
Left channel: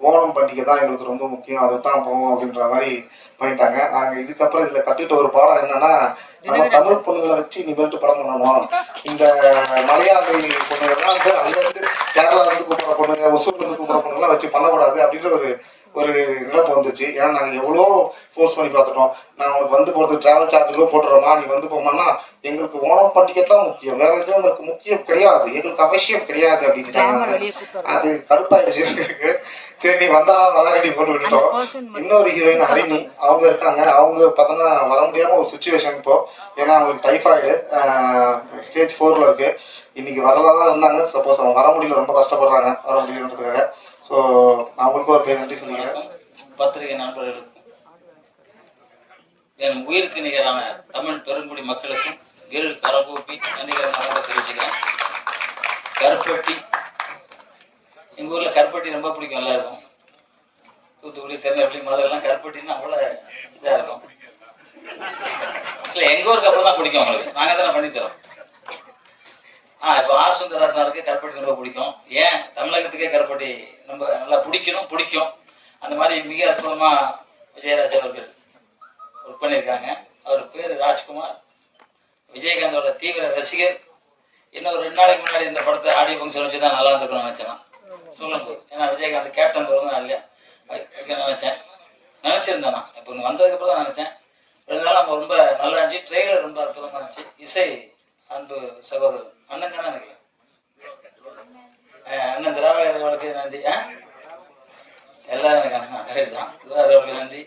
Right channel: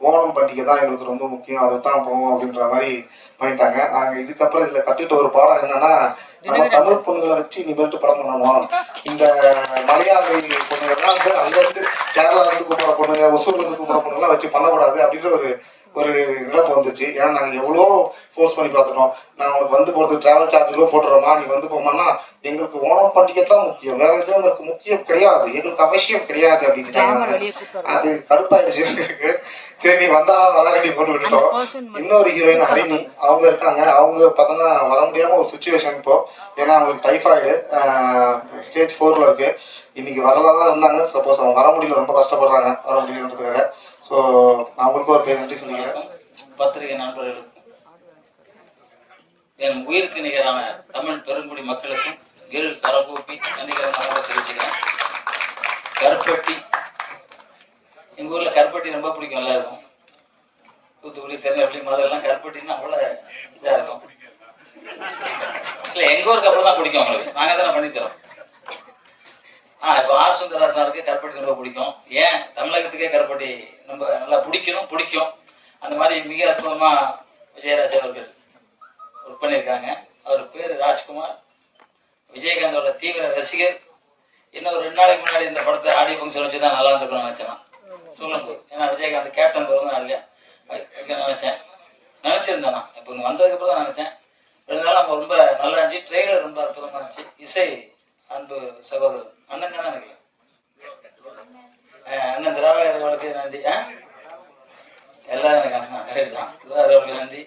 ஓணம் பண்டிகை தான் எங்களுக்கு ரொம்ப முக்கியம், அதை தான் போவோம் அப்படின்ற மாதிரி பண்ணிட்டாங்க. நாங்கள் இதுக்கப்புறம் இதில் கற்றுக்கிட்ட ஒரு பாடம் என்னன்னா, நம்ம தமிழ் பொண்ணுங்களை வச்சு இனிமேட்டு படம் பண்ணணும். இந்த மலையாளி பொண்ணுகள்லாம் வந்து அங்கேருந்து கேரளாலேருந்து கூப்பிட்ற பொண்ணுங்க, ஒசூர்லேருந்து கூப்பிட்ற பொண்ணுங்களாம் வச்சு பண்ணக்கூடாது அப்படின்ற ஒரு நினைப்பு வந்துச்சு. ஏன்னா நாங்கள் எவ்வளோ ஃபோர்ஸ் பண்ணி பார்த்துட்டோம். நான் உனக்கு வந்து போகிறது ட்ராவல் சார்ஜுகளும் போட்டுறோமா, நீ வந்து போமான்னா எங்களுக்கு ஓணம் பண்டிகை தான் முக்கியம், வேற எதுவும் எங்களுக்கு முக்கியம் கிடையாது, எங்களுக்கு அவசியம் கிடையாது அப்படின்ட்டாங்க. அது கடுப்பாயிடுச்சு எங்களுக்கு. சரி நீ வந்தா வளகடி போட்டு விட்டுட்டோம். இன்னொரு ஹீரோயின் ஹரிணி அவங்க இருக்காங்க. அவங்க பார்த்தோன்னா வர முடியாமல் ஒரு சுச்சுவேஷன் இப்போ. ஏன்னா அவங்களுக்கு டைஃபாய்டு ஸ்டேஜ் 4ல் இருக்கு. இன்னைக்கு வரலாம் தான் இருந்தாங்க. சப்போஸ் அவங்க வர முடியல, ரொம்ப கஷ்டப்படுறாங்க வர முடியலன்றதுக்காக. ஸோ அவங்களுக்கும் ஒரு பெரிய நன்றி சொல்லிக்கிறேன். பத்திரிகை நண்பர்களுக்கும் என் உயிருக்கு நிகரான தமிழ் பெருங்குடி மக்களுக்கும் இரு கரங்கூப்பி நன்றிகரமாக தெரிவிச்சுக்கிறேன். கருப்பட்டி, எங்கள் ஊரில் கருப்பட்டி ரொம்ப பிடிக்கும் எல்லாருக்கும். தூத்துக்குடி, திருநெல்வேலி, மதுரைலாம் கருப்பட்டின்னா அவ்வளோ இதாக இருக்கும். இல்லை எங்கள் ஊருக்கு அப்புறம் தான் பிடிக்கும் அவங்களுக்கு, நாங்கள் தானே பண்ணித்தரோம். இப்போ ஆர் சுந்தரராசனாருக்கு கருப்பட்டி ரொம்ப பிடிக்கும். ஏன் தமிழகத்துக்கே கருப்பட்டி ரொம்ப நல்லா பிடிக்கும். அந்த மாதிரி மிக அற்புதமாக விஜயராஜ் அவர்கள் ஒர்க் பண்ணியிருக்காங்க. அவர் பேர் ராஜ்குமார், விஜயகாந்தோட தீவிர ரசிகர். இன்னும் ஒரு 2 நாளைக்கு முன்னாடி இந்த படத்தை ஆடியோ ஃபங்க்ஷன் வச்சு தான் நல்லா இருந்திருக்குன்னு நினச்சேன் சொல்லும்போது. ஏன்னா விஜயகாந்த் கேப்டன் வருவாங்க இல்லையா நினச்சிருந்தேன் நான். இப்போ இங்கே வந்ததுக்கப்புறம் தான் நினச்சேன். 2 நாள் நம்ம ரொம்ப நல்லா இருந்துச்சு. ட்ரெய்லர் ரொம்ப அற்புதமாக இருந்துச்சு. இசை அன்பு சகோதரர் அண்ணன் தானே எனக்கு அண்ணன் திராவிடர்களுக்கு நன்றி. எல்லாம் எனக்கு அண்ணன் கரெக்ட் தான். திராவிடர்களுக்கு நன்றி.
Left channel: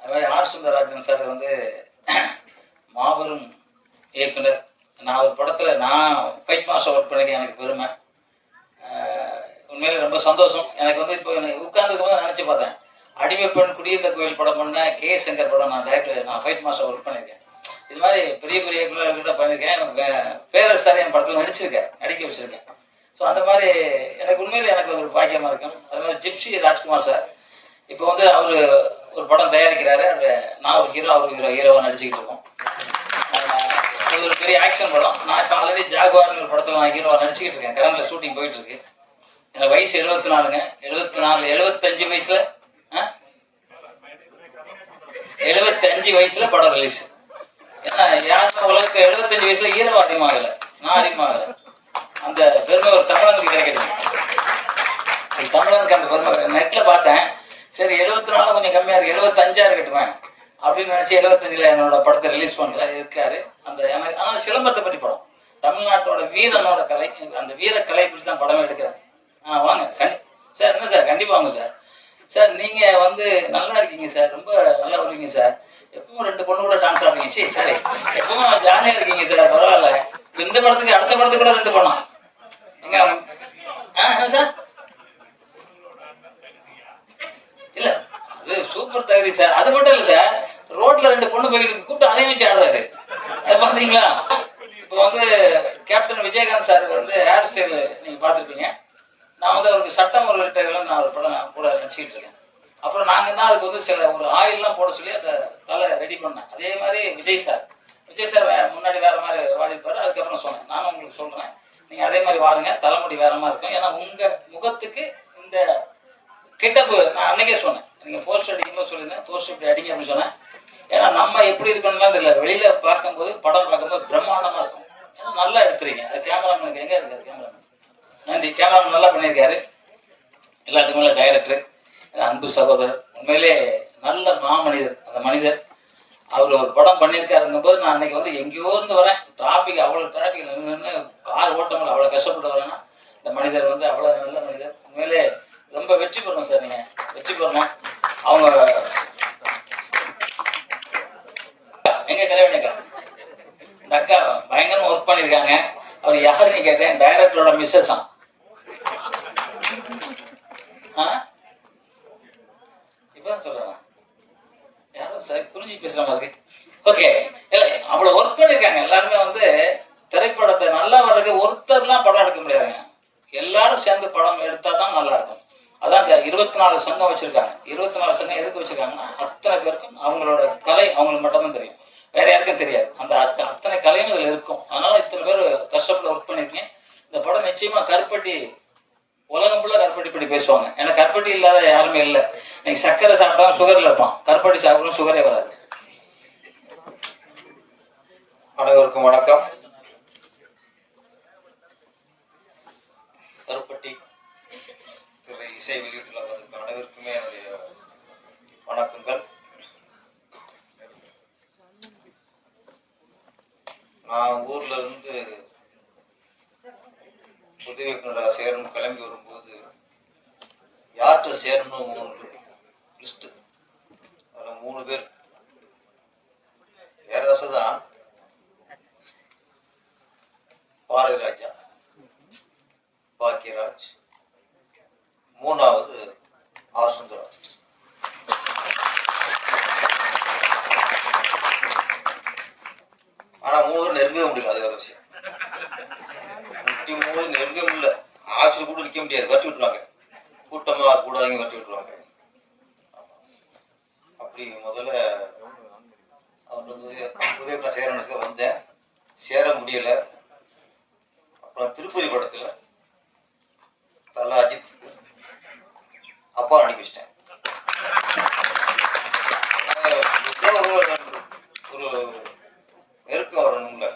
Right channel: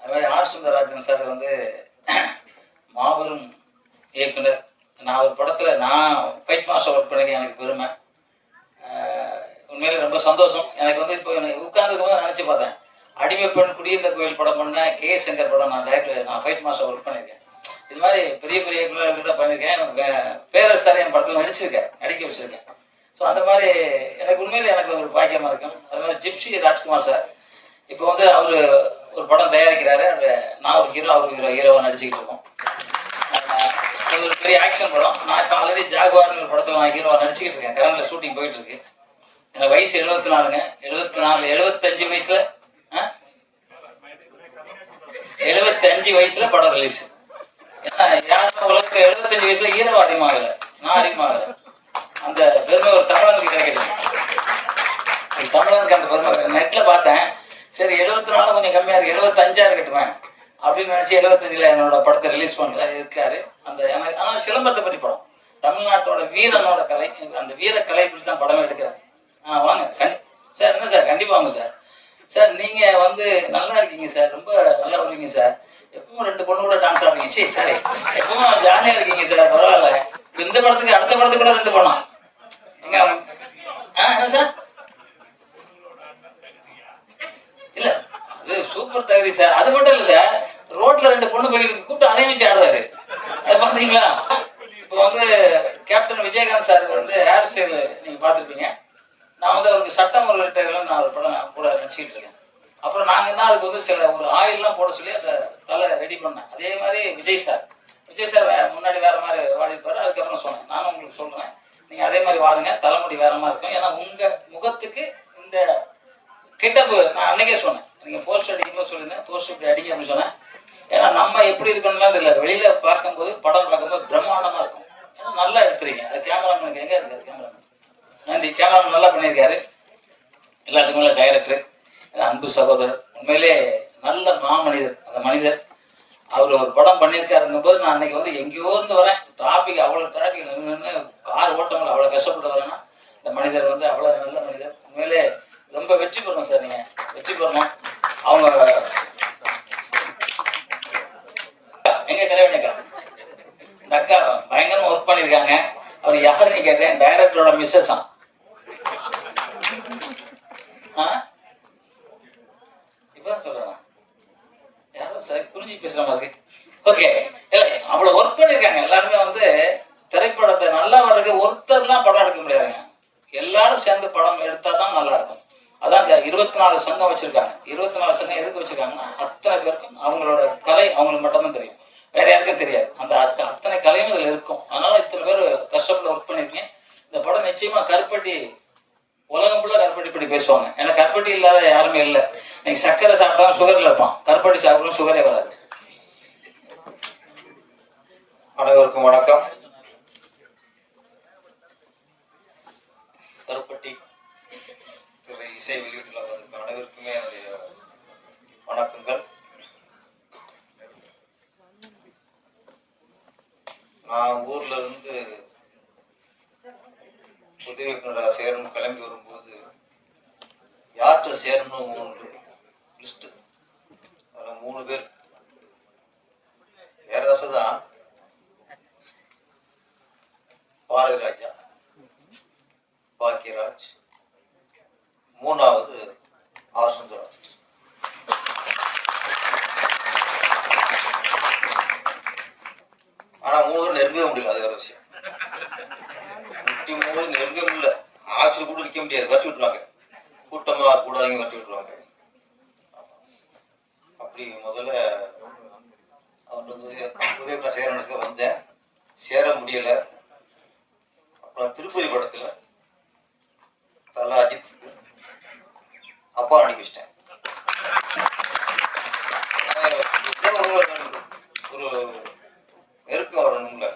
அது மாதிரி ஆர் சுந்தரராஜன் சார் வந்து மாபெரும் இயக்குனர். நான் ஒரு படத்தில் நான் ஃபைட் மாஸ்டர் ஒர்க் பண்ணிக்க எனக்கு பெருமை. உண்மையிலே ரொம்ப சந்தோஷம் எனக்கு. வந்து இப்போ எனக்கு உட்கார்ந்துருக்கும் நினச்சி பார்த்தேன். அடிமை பெண், குடியிருந்த கோயில் படம் பண்ண கே சங்கர் படம் நான் ஃபைட் மாஸ்டர் ஒர்க் பண்ணியிருக்கேன். இது மாதிரி பெரிய பெரிய இயக்குநர்கள்கிட்ட பண்ணியிருக்கேன். பேரரசர் என் படத்தில் நடிக்க வச்சிருக்கேன். ஸோ அந்த மாதிரி எனக்கு உண்மையில் எனக்கு ஒரு பாக்கியமாக இருக்கும். அது மாதிரி ஜிப்சி ராஜ்குமார் சார் இப்போ வந்து அவர் ஒரு படம் தயாரிக்கிறாரு. அதில் நான் ஒரு ஹீரோ, அவர் ஹீரோவாக நடிச்சுக்கிட்டு இருக்கோம். அது ஒரு பெரிய ஆக்ஷன் படம். நான் இப்போ ஆல்ரெடி ஜாகுவார்னு ஒரு படத்தில் நான் ஹீரோவாக நடிச்சுக்கிட்டு இருக்கேன். கரண்டில் ஷூட்டிங் போயிட்டு இருக்கு. எனக்கு வயசு 74ங்க. 75 வயசுல 75 வயசுல படம் ரிலீஸ். ஏன்னா யாரும் உலகத்துக்கு 75 வயசுல ஹீரோ அதிகமாகலை, நான் அதிகமாகலை. அந்த பெருமை ஒரு தமிழனுக்கு கிடைக்கிறது. தமிழனுக்கு அந்த பெருமை நெட்ல பார்த்தேன். சரி 74 கொஞ்சம் கம்மியா இருக்கு, 75 இருக்கட்டுவேன் அப்படின்னு நினைச்சு 75ல் என்னோட படத்தை ரிலீஸ் பண்ற இருக்காரு. அந்த எனக்கு ஆனால் சிலம்பத்தை பற்றி படம், தமிழ்நாட்டோட வீரனோட கலை, அந்த வீர கலை பற்றி தான் படமே எடுக்கிறேன். வாங்க சார். என்ன சார் கண்டிப்பாக வாங்க சார். சார் நீங்க வந்து நல்லா இருக்கீங்க சார், ரொம்ப நல்லா வருவீங்க சார். எப்பவும் 2 பொண்ணு கூட டான்ஸ் ஆடுறீங்க. சரி சரி, எப்பவும் ஜாலியா இருக்கீங்க சார், பரவாயில்ல. இந்த படத்துக்கு அடுத்த படத்துக்கு கூட 2 பொண்ணா எங்க? என்ன சார்? இல்ல அது சூப்பர் தகுதி சார். அது மட்டும் இல்ல சார், ரோட்ல 2 பொண்ணு போய் கூப்பிட்டு அதையும் வச்சு ஆடுறாரு. அது பாத்தீங்களா? இப்போ வந்து கேப்டன் விஜயகாந்த் சார் வந்து ஹேர் ஸ்டைல் நீங்க பாத்துருப்பீங்க. நான் வந்து அவருக்கு சட்டம் ஒரு நான் ஒரு படம் கூட நடிச்சுக்கிட்டு இருக்கேன். அப்புறம் நாங்கள் தான் அதுக்கு வந்து சில ஒரு ஆயில்லாம் போட சொல்லி அந்த தலை ரெடி பண்ணேன். அதே மாதிரி விஜய் சார் முன்னாடி வேற மாதிரி வாடிப்பாரு. அதுக்கப்புறம் சொன்னேன், நானும் உங்களுக்கு சொல்றேன், நீங்க அதே மாதிரி வாருங்க, தலைமுடி வேற மாதிரி இருக்கும். ஏன்னா உங்க முகத்துக்கு இந்த கிட்டப்பு நான் அன்னைக்கே சொன்னேன், நீங்க போஸ்டர் அடிக்கும்போது சொல்லியிருந்தேன், போஸ்டர் இப்படி அடிக்க அப்படின்னு சொன்னேன். ஏன்னா நம்ம எப்படி இருக்கணும்லாம் தெரியல, வெளியில பார்க்கும்போது படம் பார்க்கும்போது பிரம்மாண்டமா இருக்கும். ஏன்னா நல்லா எடுத்துறீங்க. அது கேமராமேனுக்கு எங்க இருக்காரு கேமராமேன்? நன்றி. கேமராமேன் நல்லா பண்ணியிருக்காரு. எல்லாத்துக்கும் உள்ள டைரக்டர் அன்பு சகோதரர், உண்மையிலே நல்ல மாமனிதர். அந்த மனிதர் அவர் ஒரு படம் பண்ணியிருக்காருங்கும் போது நான் அன்னைக்கு வந்து எங்கேயோ இருந்து வரேன், டிராபிக் அவ்வளோ டிராபிக் நின்று கார் ஓட்ட முடியல, அவ்வளோ கஷ்டப்பட்டு வரேன்னா இந்த மனிதர் வந்து அவ்வளோ நல்ல மனிதர். உண்மையிலே ரொம்ப வெற்றி பெறணும் சார், நீங்க வெற்றி பெறணும். அவங்க எங்க கலைவணிக்கா இந்த அக்கா பயங்கரமா ஒர்க் பண்ணியிருக்காங்க. அவர் யாருன்னு கேட்டேன், டைரக்டரோட மிஸ்ஸஸ் தான். இப்பதான் சொல்றேன், யாரும் சார் குறிஞ்சி பேசுற மாதிரி. ஓகே, இல்ல அவ்வளவு ஒர்க் பண்ணிருக்காங்க. எல்லாருமே வந்து திரைப்படத்தை நல்லா வர்றதுக்கு ஒருத்தர்லாம் படம் எடுக்க முடியாதுங்க, எல்லாரும் சேர்ந்து படம் எடுத்தா தான் நல்லா இருக்கும். அதான் இந்த 24 சங்கம் வச்சிருக்காங்க. 24 சங்கம் எதுக்கு வச்சிருக்காங்கன்னா அத்தனை பேருக்கும் அவங்களோட கலை அவங்களுக்கு மட்டும்தான் தெரியும், வேற யாருக்கும் தெரியாது. அந்த அத்தனை கலையும் இதுல இருக்கும். அதனால இத்தனை பேர் கஷ்டப்பட்டு ஒர்க் பண்ணிருக்கீங்க. இந்த படம் நிச்சயமா கருப்பட்டி உலகம் ஃபுல்லா கருப்பட்டி படி பேசுவாங்க. ஏன்னா கருப்பட்டி இல்லாத யாருமே இல்லை. நீங்க சர்க்கரை சாப்பிட்டா சுகர்ல இருப்பான், கருப்பட்டி சாப்பிட்டா சுகரே வராது. அனைவருக்கும் வணக்கம். கருப்பட்டி திரை இசை வெளியீட்டுல வந்திருக்க அனைவருக்குமே என்னுடைய வணக்கங்கள். நான் ஊர்ல இருந்து உதவி இயக்குனராக சேரணும் கிளம்பி வரும்போது யார்கிட்ட சேரணும் லிஸ்ட், அதுல 3 பேர். பேரரசு தான், பாரதி ராஜா, பாக்கியராஜ், 3வது ஆர் சுந்தரராஜ். ஆனா 3 நெருங்கவே முடியல, அது வேற விஷயம். 3 நெருங்க முடியல, ஆட்சி கூட நிற்க முடியாது, வட்டி விட்டுருவாங்க. கூட்டமா கூடாதீங்க, வட்டி விட்டுருவாங்க. அப்படி முதல்ல அவருக்கு சேர வந்தேன், சேர முடியல. அப்புறம் திருப்பதி படத்துல தல அஜித் அப்பா நடிக்க வச்சிட்டேன். ஒரு நெருக்கம் வரணும்ல.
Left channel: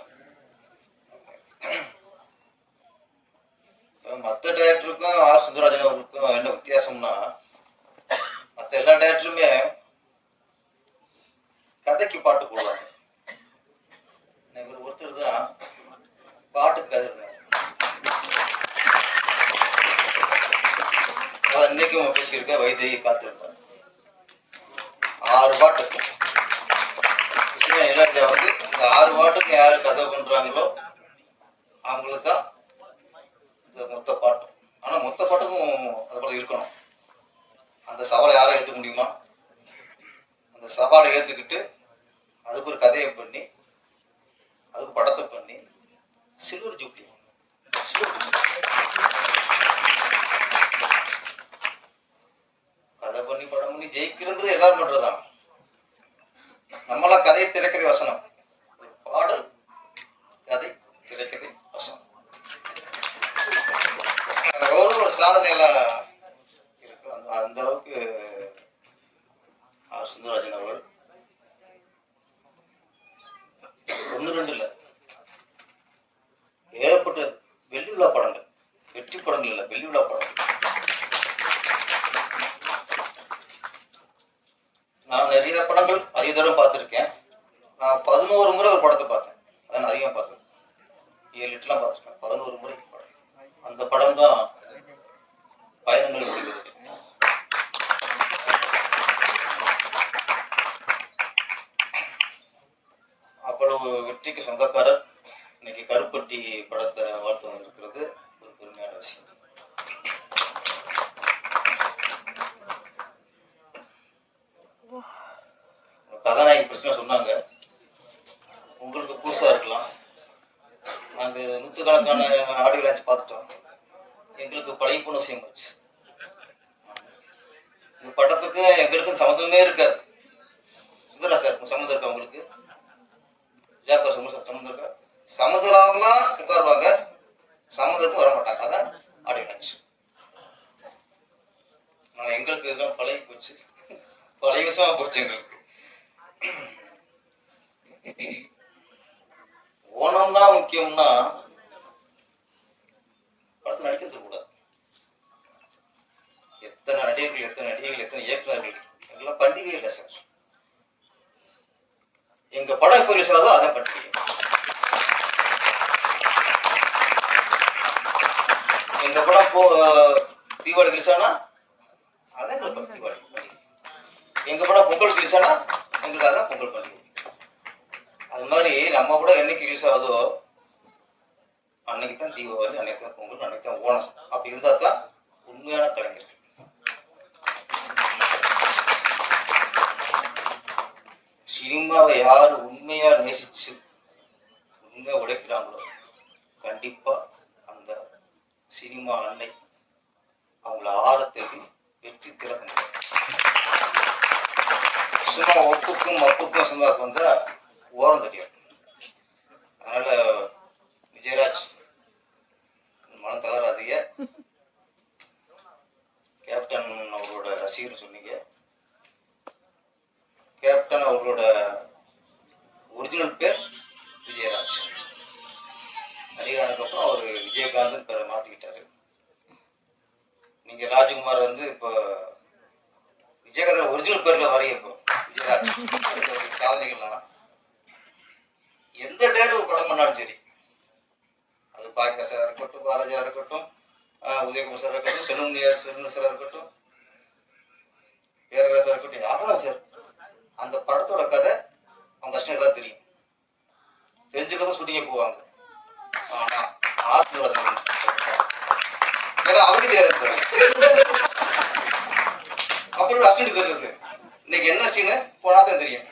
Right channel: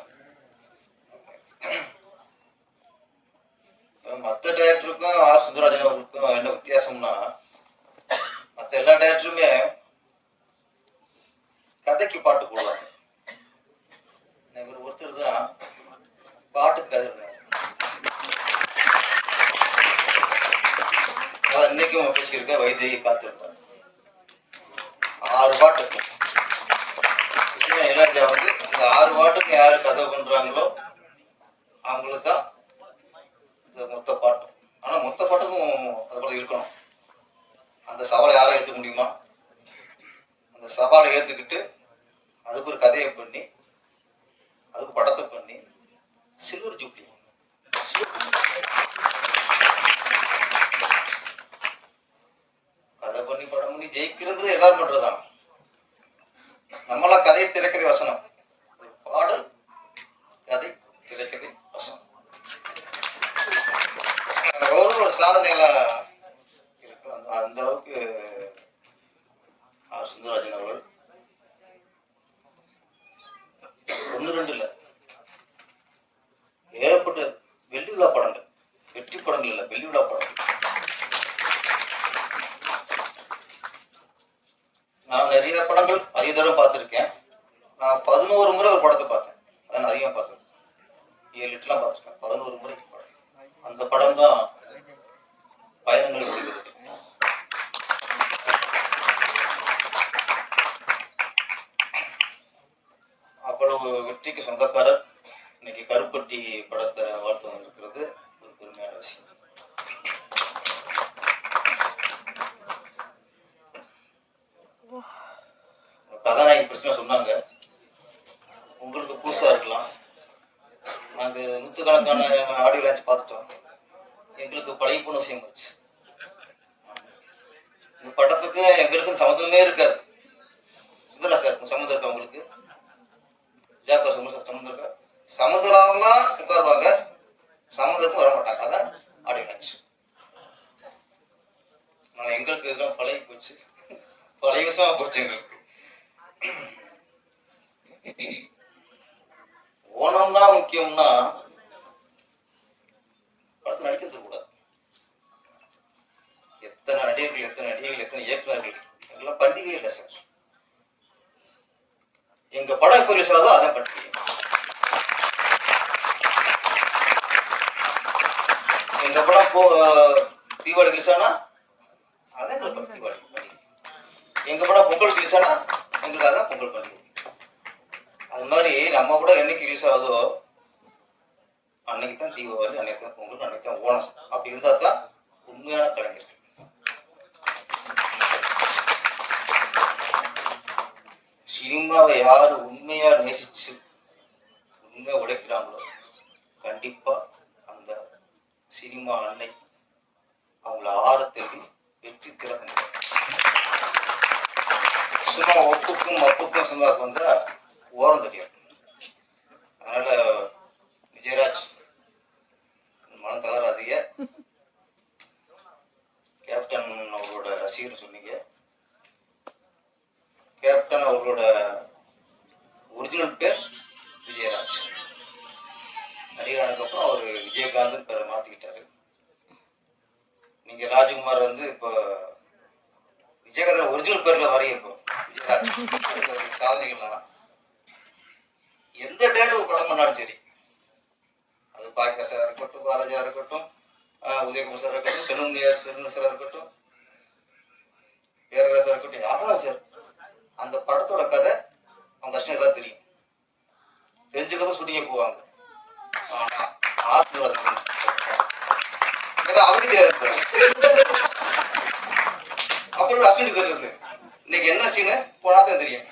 மற்ற டேரக்டருக்கும் ஆர் சுந்தரராஜன் அவர்களுக்கும் என்ன வித்தியாசம்னா, மற்ற எல்லா டேரக்டருமே கதைக்கு பாட்டு போடுவாங்க. ஒருத்தர் தான் பாட்டுக்கு கதை எழுதுறாங்க. இன்னைக்கும் பேசியிருக்க வைதேகி காத்திருப்பார் 6 பாட்டு. இளையராஜா வந்து இந்த 6 பாட்டுக்கு யாரு கதை பண்றாங்களோ அவங்களுக்கு தான் இந்த மொத்த பாட்டும். ஆனா மொத்த பாட்டுக்கும் அது கூட இருக்கணும். அந்த சவாலை யாரும் ஏற்றுக்க முடியுமா? அந்த சவாலை ஏற்றுக்கிட்டு அதுக்கு ஒரு கதையை பண்ணி அதுக்கு படத்தை பண்ணி சில்வர் ஜூப்ளி கதை பண்ணி படம் பண்ணி ஜெயிக்கிறது எல்லாரும் பண்றதுதான். நம்மளாம் கதையை திரைக்கதை வசனம், ஒரு பாடல் கதை திரைக்கதை வசனம், ஒரு சாதனையெல்லாம் இருக்கு. அந்த அளவுக்கு ஆர் சுந்தரராஜன் அவர்கள் 1 2 இல்ல, ஏகப்பட்ட வெள்ளி விழா படங்கள், வெற்றி படங்கள் இல்ல, வெள்ளி விழா படங்கள். நான் நிறைய படங்கள் அதிக தடவை பார்த்துருக்கேன். நான் 11 முறை ஒரு படத்தை பார்த்தேன். அதான் அதிகமாக பார்த்துருக்கேன். 7 8 பார்த்துருக்கேன். 11 முறை படம். அந்த படம் தான் பயணங்கள் முடிகிறது. எங்களுக்கு பழகி போன விஷயம் போச்சு. இந்த படத்துக்கு எங்களுக்கு சம்மந்தமே இருக்காது. சுந்தரா சார் சம்மந்தம் இருக்கா உங்களுக்கு? ஜாக்கர் சம்மந்தம் இருக்கா? சம்மந்தம்லாம் உட்காருவாங்க, சம்மந்தத்துக்கும் வர மாட்டாங்க. அதான் ஆடியன்ஸ். அதனால எங்களுக்கு இதெல்லாம் பழகி போச்சு, பழைய விஷயமா போச்சு எங்களுக்கு. ஓணம் தான் முக்கியம்னா படத்தில் நடிக்க கூடாது. எத்தனை நடிகர்கள், எத்தனை இயக்குநர்கள், எல்லாம் பண்டிகை இல்லை சார். எங்க படம் எப்போ ரிலீஸ் ஆகுதோ அதான் பண்டிகை. எங்க படம் தீபாவளி ரிலீஸ் ஆனா அதான் எங்களுக்கு தீபாவளி பண்டிகை. எங்க படம் பொங்கல் ரிலீஸ் ஆனா எங்களுக்கு அதான் பொங்கல் பண்டிகை. அது மாதிரி நம்ம கூட என்னைக்கு ரிலீஸ் ஆகுதோ அன்னைக்கு தான் தீபாவளி, அன்னைக்கு தான் பொங்கல், அன்னைக்கு தான் ஓணம். அப்படி இருந்தா தான் உண்மையான கலைஞர்கள். சினிமாவை யாரு உண்மையா நேசிச்சு உண்மையா உழைக்கிறாங்களோ கண்டிப்பா அந்த சினிமா அன்னை அவங்கள ஆரத்துக்கு வெற்றி திறக்க முடியும். சும்மா ஒப்புக்கும் அப்புக்கும் சினிமாவுக்கு வந்தா ஓரம் தெரியாது. அதனால விஜயராஜ் மனம் தளராதீங்க. கேப்டன் அவரோட ரசிகர் சொன்னீங்க. கேப்டன் அவர்களோட ஒரிஜினல் பேர் விஜயராஜ். நடிகரானதுக்கு அப்புறம் அவர் விஜயகாந்த் பேரை மாத்திக்கிட்டாரு. நீங்க ராஜ்குமார் வந்து இப்போ விஜயகாந்த் ஒரிஜினல் பேர்ல வரையும். இப்போ விஜயராஜ் சாதனைகள்லாம் எந்த டேரு படம் பண்ணாலும் சரி, அது பாக்கிய சாரா இருக்கட்டும், பாரதியா இருக்கட்டும், உதயகுமார் சாரா இருக்கட்டும், செல்வன் சாரா இருக்கட்டும், பேரரசா இருக்கட்டும், யாரா சார், அந்த படத்தோட கதை அவங்க கஷ்டம் எல்லாம் தெரியும். தெரிஞ்சுக்கணும் ஷூட்டிங்க போவாங்க. ஆனா அவருக்கு தெரியாது. அப்புறம் அசிஸ்டன்ட் தெரியுது இன்னைக்கு என்ன சீனு போனா தான் தெரியும்.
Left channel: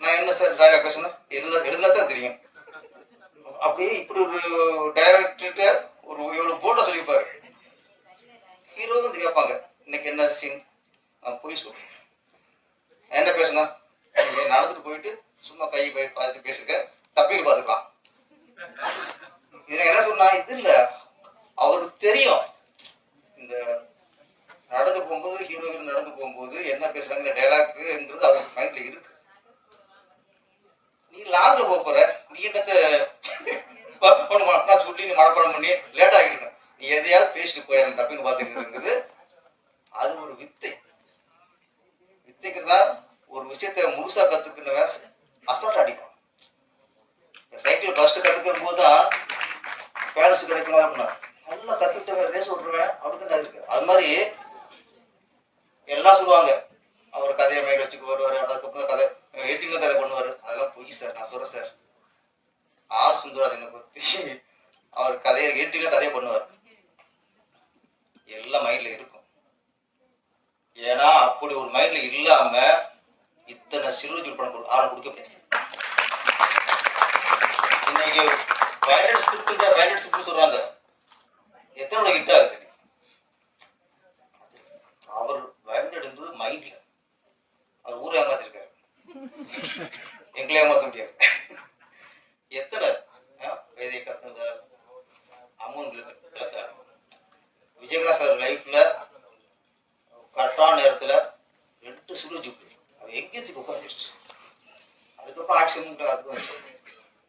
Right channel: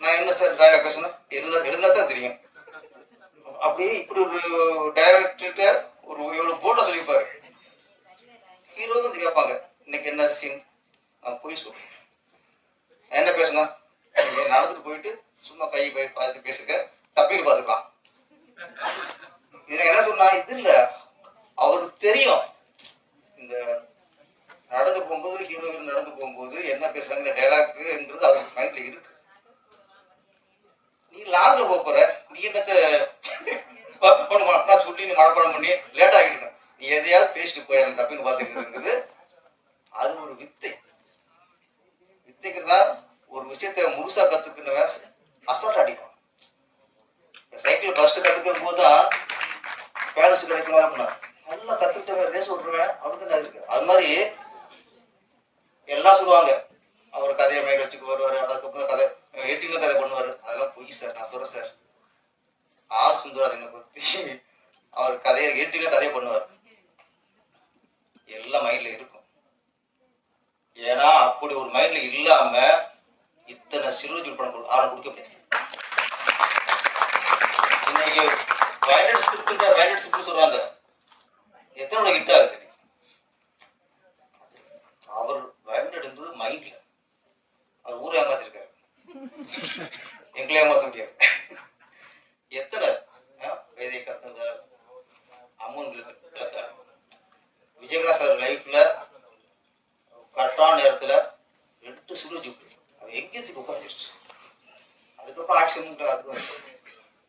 நான் என்ன சார் டைலாக் பேசணும் எழுதுனா தான் தெரியும். அப்படியே இப்படி ஒரு டைரக்டர்கிட்ட ஒரு இவ்வளவு போட்டா சொல்லியிருப்பாரு. ஹீரோ வந்து கேட்பாங்க இன்னைக்கு என்ன சீன், போய் சொல்றேன் என்ன பேசணும், நடந்துட்டு போயிட்டு சும்மா கையை போய் பார்த்து பேசுங்க, டப்பிங் பார்த்துக்கலாம். இதுல என்ன சொன்னா இது இல்ல, அவருக்கு தெரியும் இந்த நடந்து போகும்போது ஹீரோ நடந்து போகும்போது என்ன பேசுறாங்கிற டைலாக்ங்கிறது அவருக்கு மைண்ட்ல இருக்கு. நீ லாக்ல போற, நீ என்னத்த நான் சொல்லி நீ மனப்பாடம் பண்ணி லேட் ஆகிக்கணும், நீ எதையாவது பேசிட்டு போயிடணும் டப்பின்னு பார்த்துக்கிறது. அது ஒரு வித்தை. வித்தைங்கிறதா ஒரு விஷயத்த முழுசா கத்துக்கினவன் அசால்ட் அடிப்பான். சைக்கிள் ஃபர்ஸ்ட் கத்துக்கும் போதுதான் பேலன்ஸ் கிடைக்கணும் அப்படின்னா நல்லா கத்துக்கிட்டவன் ரேஸ் ஓட்டுருவேன் அவனுக்கு என்ன இருக்கு. அது மாதிரி எல்லாம் சொல்லுவாங்க அவர் கதையை மைண்ட் வச்சுக்கு வருவாரு, அதுக்கப்புறம் கதை 18 கதை பண்ணுவாரு. அதெல்லாம் பொய் சார். நான் சொல்றேன் சார், ஆர் சுந்தரராஜனை பத்தி அவர் கதையை 18 கதையை பண்ணுவார். எல்லாம் மைண்ட்ல இருக்கும். ஏன்னா அப்படி ஒரு மைண்ட்ல இல்லாம இத்தனை சிறுஜூட் படம் ஆரம் கொடுக்க முடியாது. இன்னைக்கு வயலட் ஸ்கிரிப்ட் சொல்றாங்க, எத்தனை ஹிட் ஆகுது. அவர் வயலட் எடுத்தது மைண்ட்ல, அவர் ஊரை ஏமாத்திருக்காரு, எங்களை ஏமாத்த முடியாது. எத்தனை வேதை கத்துந்தார் அம்மன் விஜயகாந்த் சார் லைஃப்ல கரெக்டான நேரத்துல 2 சுடுஜூட் எங்கேஜுக்கு உட்காந்துருச்சு. அதுக்கப்புறம் ஆக்சிடென்ட் அதுக்கு வந்து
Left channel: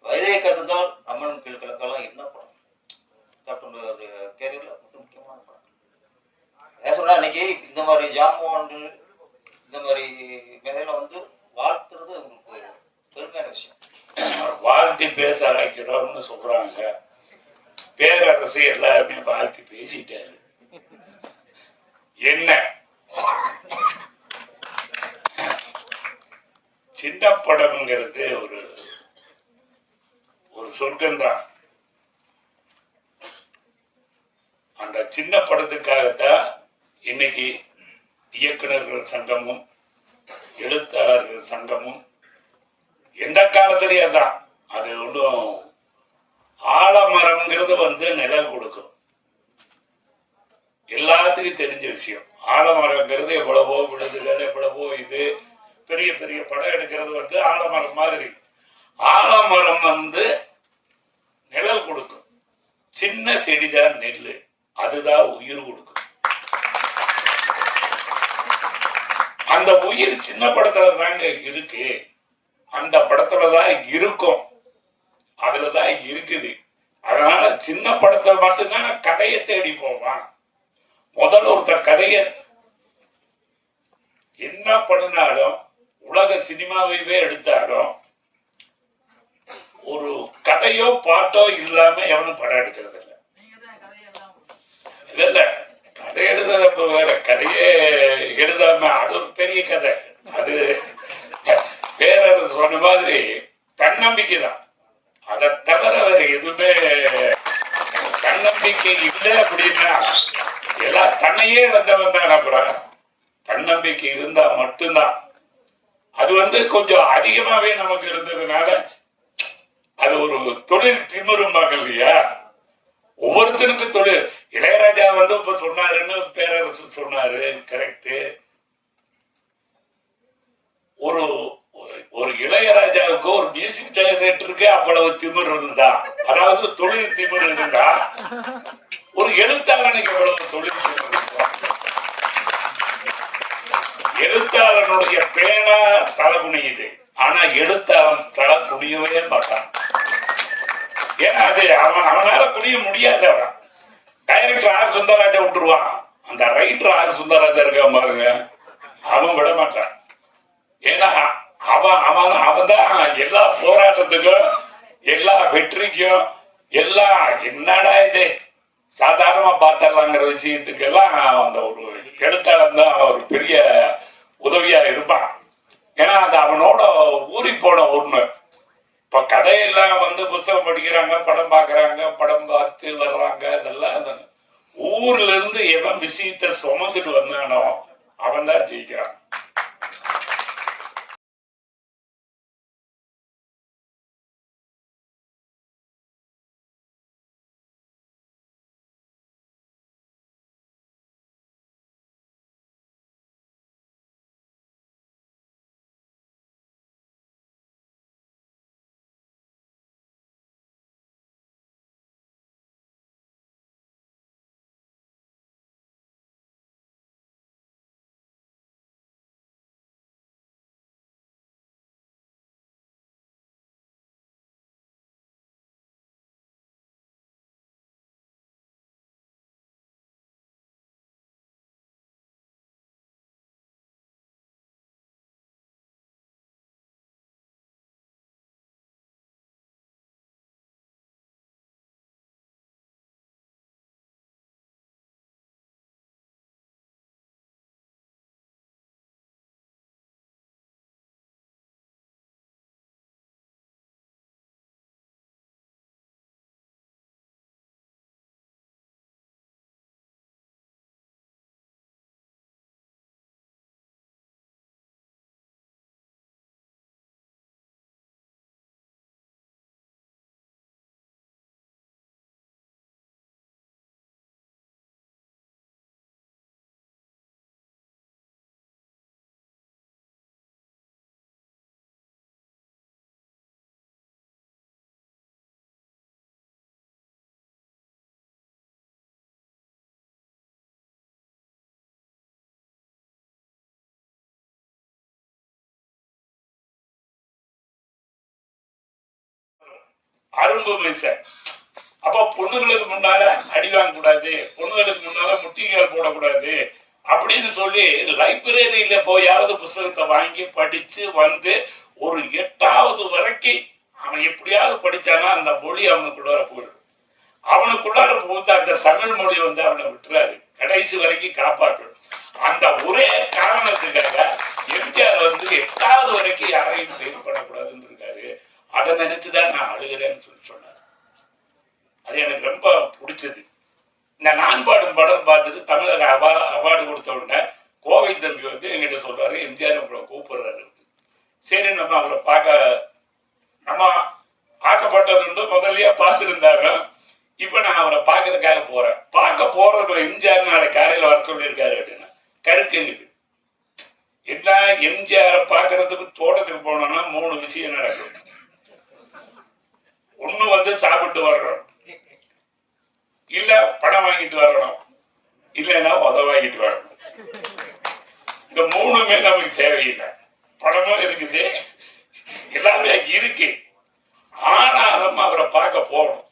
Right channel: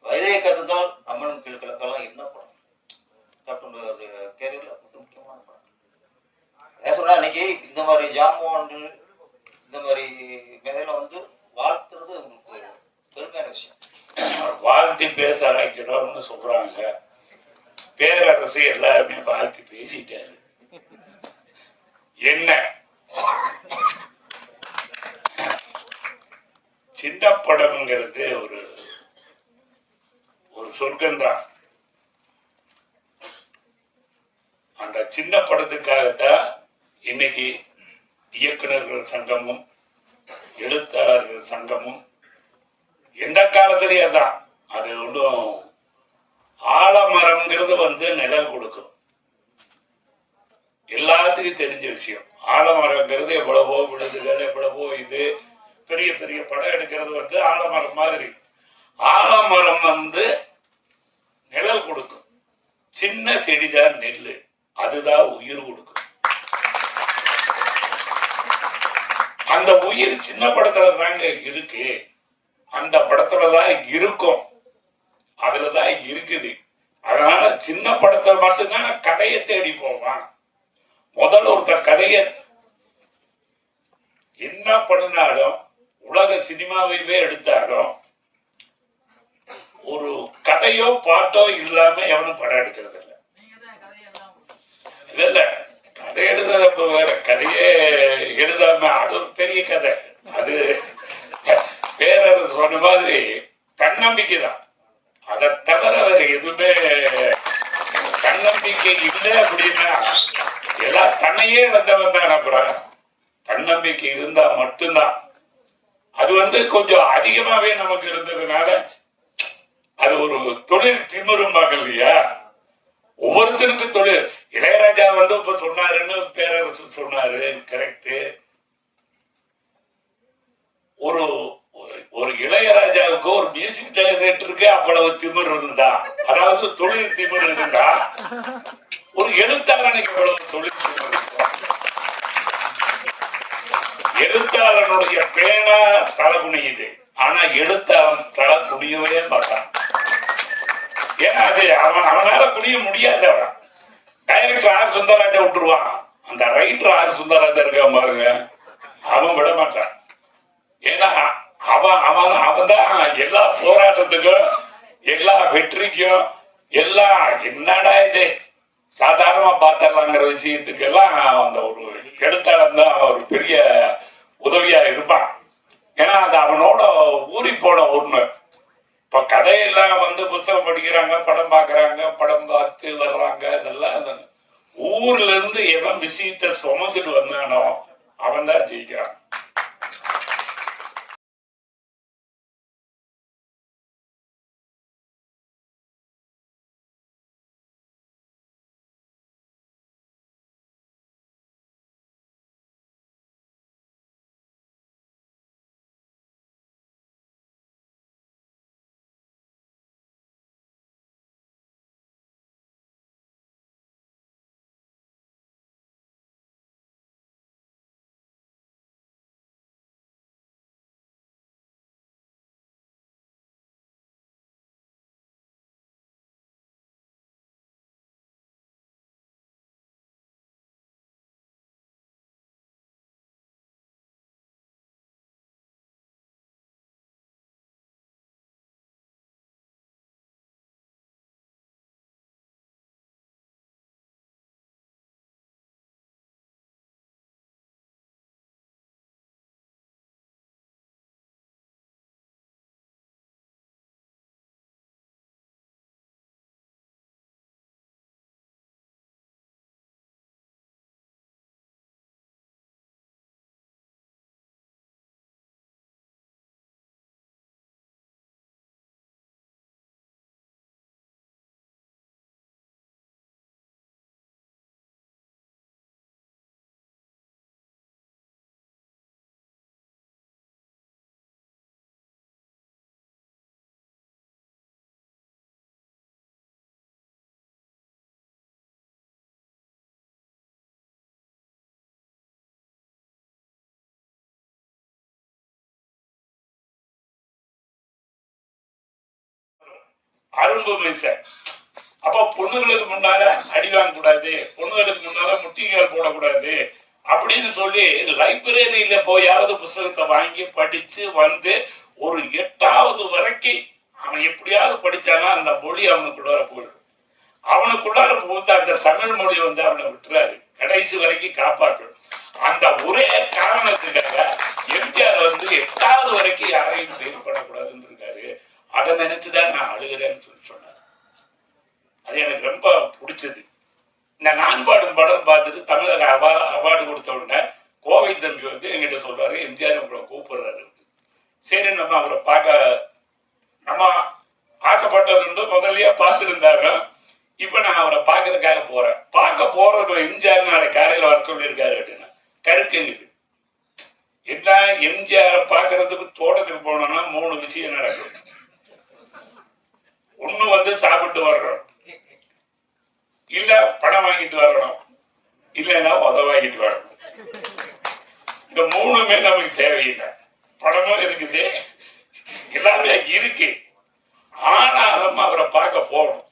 வைரே கருந்தால் அம்மன் கிழக்கெல்லாம் என்ன படம் கேப்டனோட கேரியர்ல மிக முக்கியமான படம். ஏன் சொன்னா இன்னைக்கு இந்த மாதிரி ஜாம்பவான்கள் இந்த மாதிரி மேல வந்து வாழ்த்துறது உங்களுக்கு பெருமையான விஷயம். வாழ்த்தி பேச அழைக்கிறோம்னு சொல்றாங்க. பேரரசு எல்லாருமே வாழ்த்தி பேசிட்டாரு. என்ன சின்ன படம்ங்கிறது ஒரு சொர்க்கம்தான். அந்த சின்ன படத்துக்காகத்தான் இன்னைக்கு இயக்குநர்கள் சங்கமும் எழுத்தாளர்கள் சங்கமும் எந்த காலத்திலேயே தான் அது ஒன்றும் ஆலமரம்ங்கிறது வந்து நிழல் கொடுக்கும். எல்லாத்துக்கும் தெரிஞ்ச விஷயம். ஆலமரங்கிறது எவ்வளவோ விழுதுகள், எவ்வளவோ இது பெரிய பெரிய படம் எடுக்கிறது வந்து ஆலமரம் மாதிரி. ஆலமரம் வந்து நிழல் கொடுக்கும். சின்ன செடிதான் நெல், அதுதான் உயிர் கொடுக்கும். அந்த உயிர் சின்ன படத்துல தாங்க இருக்கு, அந்த படத்துலதான் இருக்கும், அதுலதான் இருக்குது. அதனால சின்ன படத்தை மட்டும்தான் கதையை தேடி போவான். முதல்ல ஒருத்தர் கதையை என்ன பண்ணினாலும், உலக சினிமாவையே எடுத்தாலும் ஒரு கதையோ பாட்டோ இல்லாம எவனும் படம் எடுக்கிறது இல்லை. இல்ல கதை எழுத வேற, கதையே எழுதாம அது ஒரு பெரிய கதை. அது வேற சொன்ன மாதிரி தன்னம்பிக்கை தான். அதை தவிர வேற எதுவுமே தன்னம்பிக்கை இல்லை அப்படின்னா எல்லாம் தன்னையே இழந்தவன் தான். அப்புறம் தன்னம்பிக்கை இருந்தா மட்டும்தான். அது வந்து கொஞ்சம் அதிகமாவே நமக்கு இருந்ததுனால அது ஒரு தொழில் திமிரும்பாங்க இல்லையா. ஒவ்வொருத்தருக்கும் தொழில். இளையராஜா வந்து இப்ப சொன்னாருன்னு பேரரசு சொன்னாரு, கரெக்ட். ஒரு ஒரு இளையராஜாவுக்கு ஒரு மியூசிக் டைரக்டருக்கு அவ்வளவு திமிர் இருந்தா, அதாவது தொழில் திமிர் இருந்தா, ஒரு எழுத்தாளனுக்கு எவ்வளவு தொழில் திமிர் இருந்தா. எழுத்தாளனுடைய பேனா தலை குனியுது, ஆனா எழுத்தாளன் தலை குனியவே மாட்டான். ஏன்னா அது அவனால குனிய முடியாது. அவன் டைரக்டர் ஆர் சுந்தரராஜா விட்டுருவான், அந்த ரைட்டர் ஆர் சுந்தரராஜா இருக்க பாருங்க, அவன் விட மாட்டான். ஏன்னா அவன் தான் எல்லா போராட்டத்துக்கும், எல்லா வெற்றிக்கும், எல்லா என்னடா இது சாதாரணமா பார்த்தலாங்கிற விஷயத்துக்கெல்லாம் அந்த ஒரு எழுத்தாளன் தான் ஒரு பெரிய உதவியா இருப்பான். ஏன்னா அது அவனோட ஊறி போன ஒண்ணு. இப்ப கதையெல்லாம் வந்து புத்தகம் படிக்கிறாங்க, படம் பாக்குறாங்க, படம் பார்த்து வர்றாங்க, இதெல்லாம் ஊர்ல இருந்து எவன் விஷயத்தை சுமந்துட்டு வந்தானோ அவன் தான் ஜெயிக்கிறான். அரும்பு மீசை. அப்போ பொண்ணுகளுக்கு முன்னால அடி வாங்க கூடாது, பொண்ணுகளுக்கு முன்னால முட்டிகள் போடக்கூடாது அப்படின்னு சொல்லி லைப்ரரியில போயாவது புத்தகத்தை வாங்கி படிச்சு வந்து ஒரு 8வது வரைக்கும் அவன் எப்படியாவது படிச்சானா அந்த மொழி அவனுக்குள்ளார போயிடும். அவனுக்குள்ளார போது அந்த தமிழ் மொழி வந்து அவனை விட்டுறாரு, கடைசி வரைக்கும் காப்பாற்றும். அந்த ஒரே காரணத்துக்காக எம்ஜிஆர் வந்து 8வது வரைக்கும் யாரையும் ஃபெயில் பண்ணக்கூடாதுன்னு இருக்காரு. அதை நினைச்சுதான் நான் அழுகிறேன்னு சொல்லி சொன்னார். அது எனக்கு ரொம்ப பிடிச்சது. இந்த நான் பாடும் படம் பார்த்துட்டு தமிழக அவார்டு கொடுத்த உடனே கோவை தம்பி வந்து எங்கிட்ட சொல்றாரு, எம்ஜிஆர் உங்களை கூப்பிடுறாரு. சரி நம்ம அவரை பார்க்க நம்ம ஆசைப்பட்டது முதல்லயே பார்த்துருந்தாங்க. இப்ப நான் அவரை பார்க்கறதுக்காக போறேன். பார்க்க போறது எம்ஜிஆர் நாளை காலையில வர சொல்லியிருக்காரு அப்படின்னா கருக்குங்குது. எல்லாம் எம்ஜிஆரை பாக்குறதுக்கு தோட்டத்துக்கு போனோம்னா 3 விஷயம் நடக்கும். ஒண்ணு வந்து சாப்பிட்டு வரணும், இல்ல படம் வாங்கிட்டு வரணும், இல்லைன்னா உத வாங்கிட்டு வரணும். இந்த 3மே நமக்கு தேவையில்லை. படமும் இருக்குது, எல்லாமே இருக்கு. ஆனாலும் அவரை பார்க்க போகணும்.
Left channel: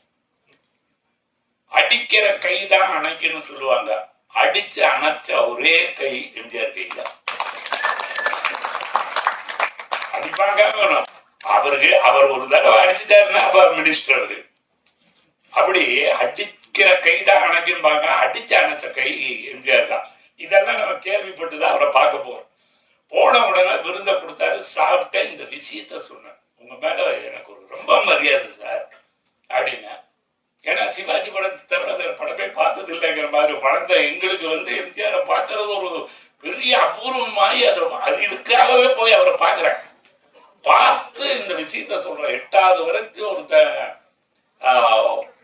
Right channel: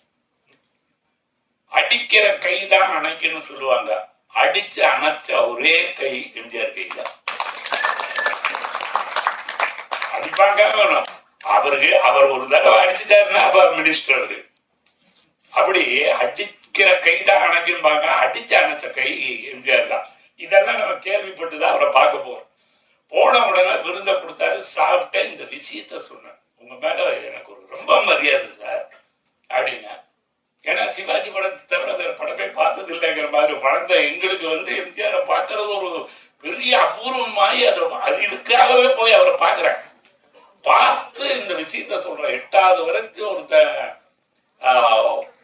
அடிக்கிற கை தான் அணைக்குன்னு சொல்லுவாங்க. அடிச்சு அணைச்ச ஒரே கை எம்ஜிஆர் கை தான். அடிப்பாங்க வேணும் அவருக்கு. அவர் ஒரு தடவை அடிச்சுட்டாருன்னா அவர் மினிஸ்டர். அவரு அப்படி அடிக்கிற கை தான் அணைக்கும்பாங்க. அடிச்சு அணைச்ச கை எம்ஜிஆர் தான். இதெல்லாம் நம்ம கேள்விப்பட்டுதான் அவரை பார்க்க போறோம். போன உடனே விருதை கொடுத்தாரு. சாப்பிட்ட இந்த விஷயத்த சொன்னேன், உங்க மேல எனக்கு ஒரு ரொம்ப மரியாதை சார் அப்படின்னா. ஏன்னா சிவாஜி படத்தை தவிர வேற படமே பார்த்தது இல்லைங்கிற மாதிரி வளர்ந்த எங்களுக்கு வந்து எம்ஜிஆரை பார்க்கறது ஒரு பெரிய அபூர்வமாயி அது இதுக்காகவே போய் அவரை பார்க்குறேன். பார்த்து இந்த விஷயத்த சொல்றேன். 8வது வரைக்கும் ஒருத்த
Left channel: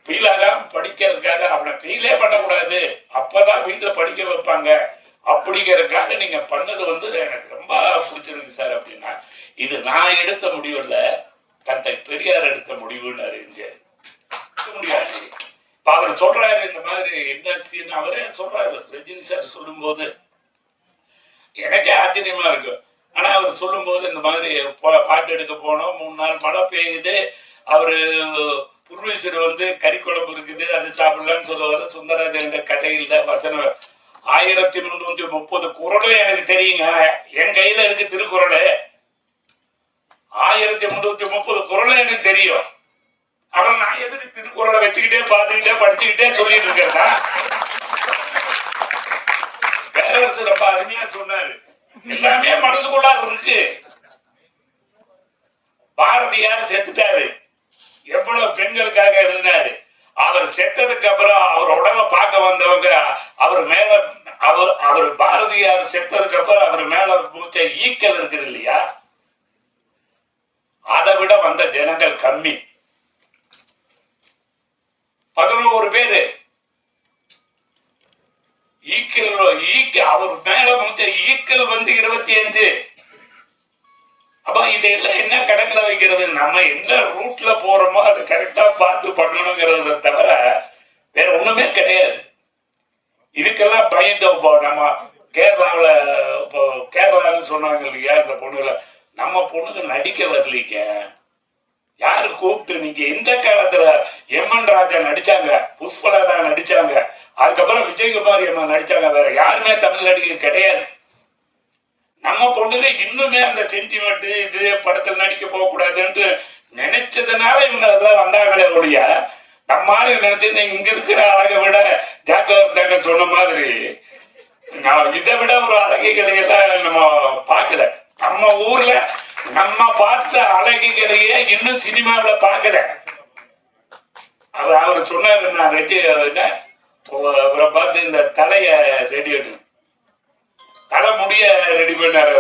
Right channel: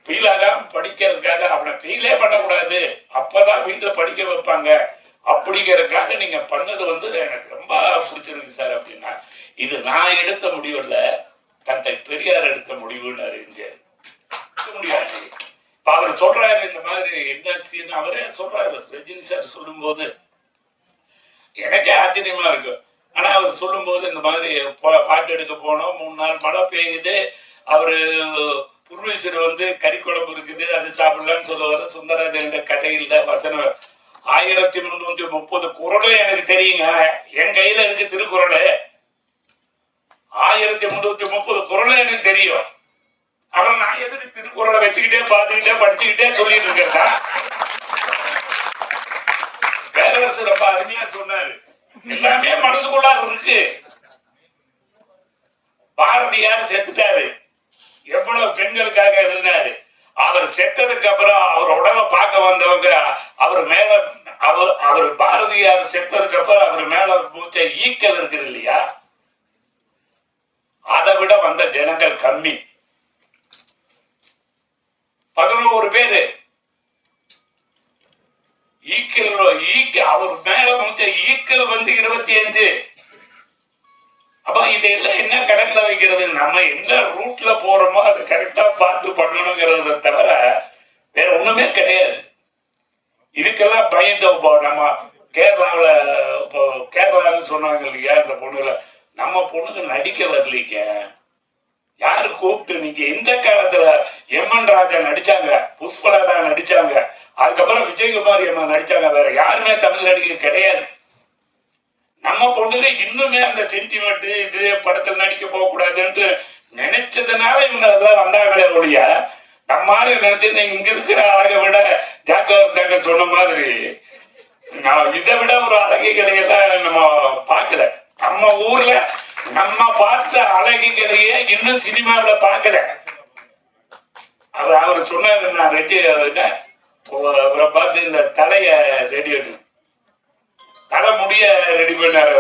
ஃபீலாக படிக்கிறதுக்காக அவனை ஃபீலே பண்ணக்கூடாது, அப்பதான் வீட்டுல படிக்க வைப்பாங்க அப்படிங்கிறதுக்காக நீங்க பண்ணது வந்து எனக்கு ரொம்ப பிடிச்சிருக்கு சார் அப்படின்னா. இது நான் எடுத்த முடிவு இல்ல, தந்தை பெரியார் எடுத்த முடிவுன்னு எம்ஜிஆர். முடியாது. இப்ப அவர் சொல்றாரு இந்த மாதிரி என்னாச்சுன்னு அவரே சொல்றாரு. ரஜினி சார் சொல்லும் போது எனக்கே ஆச்சரியமா இருக்கு. ஆனா அவர் சொல்லும் போது இந்த மாதிரி பாட்டு எடுக்க போனோம், 3 நாள் மழை பெய்யுது, அவரு புர்வீசர் வந்து கறி குழம்பு இருக்குது அது சாப்பிடலான்னு சொல்லுவாரு. சுந்தரராஜன் கதையில வசனம் 1330 குறளும் எனக்கு தெரியுங்க. என் கையில இருக்கு திருக்குறள். 1330 குறளும் எனக்கு தெரியும். அவன் நான் எதுக்கு திருக்குறளை வச்சுக்கிட்டே பார்த்துக்கிட்டே படிச்சுக்கிட்டே சொல்லிட்டு இருக்கிறதா? பேரரசு ரொம்ப அருமையா சொன்னாரு. எல்லாமே மனசுக்குள்ளார இருக்கு. பாரதியார் செத்துட்டாரு, எவ்வளவு பெண்களுக்காக எழுதினாரு. அவர் செத்ததுக்கு அப்புறம் அவர் உடலை பார்க்க வந்தவங்க அவர் மேல அவர் பாரதியார் செத்ததுக்கு அப்புறம் அவர் மேல மூச்ச ஈக்கள் இருக்குது இல்லையா, அதை விட வந்த ஜனங்கள் கம்மி. 11 பேரு அவர் மேல மூச்ச ஈக்கள் வந்து 25. அப்ப இதெல்லாம் என்ன கணக்குல வைக்கிறது? நம்ம என்ன ரூட்ல போறோமோ அதை கரெக்டா பார்த்து பண்ணணுங்கிறத தவிர வேற ஒண்ணுமே கிடையாது. இதுக்கெல்லாம் பயந்து நம்ம கேரளான்னு சொன்னாங்க இல்லையா, இந்த பொண்ணுல நம்ம பொண்ணுக்கு நடிக்க வரலீங்க. யாரு கூப்பிட்டு? நீங்க எந்த காலத்துல எம்என் ராஜா நடிச்சாங்க, புஷ்பலதா நடிச்சாங்க, அதுக்கப்புறம் விஜயகுமார் அம்மா நடிச்சாங்க. வேற யாருமே தமிழ் நடிகை கிடையாது. நம்ம பொண்ணுங்க இன்னுமே அந்த சென்டிமெண்ட் இது படத்தில் நடிக்க போக கூடாதுன்னு நினைச்சதுனால இவங்க அதெல்லாம் வந்தாங்களே ஒழிய, நம்ம ஆளு நினைச்சிருந்த இங்க இருக்கிற அழகை விட ஜாக்கிரதை சொன்ன மாதிரி நான் இதை விட ஒரு அழகிகளை எல்லாம் நம்ம பார்க்கல. நம்ம ஊர்ல நம்ம பார்த்த அழகிகளையே இன்னும் சினிமாவில பார்க்கல. அவர் சொன்னாரு, நான் அவரை பார்த்து இந்த தலைய ரெடி தலை முடிய ரெடி பண்ணாரு.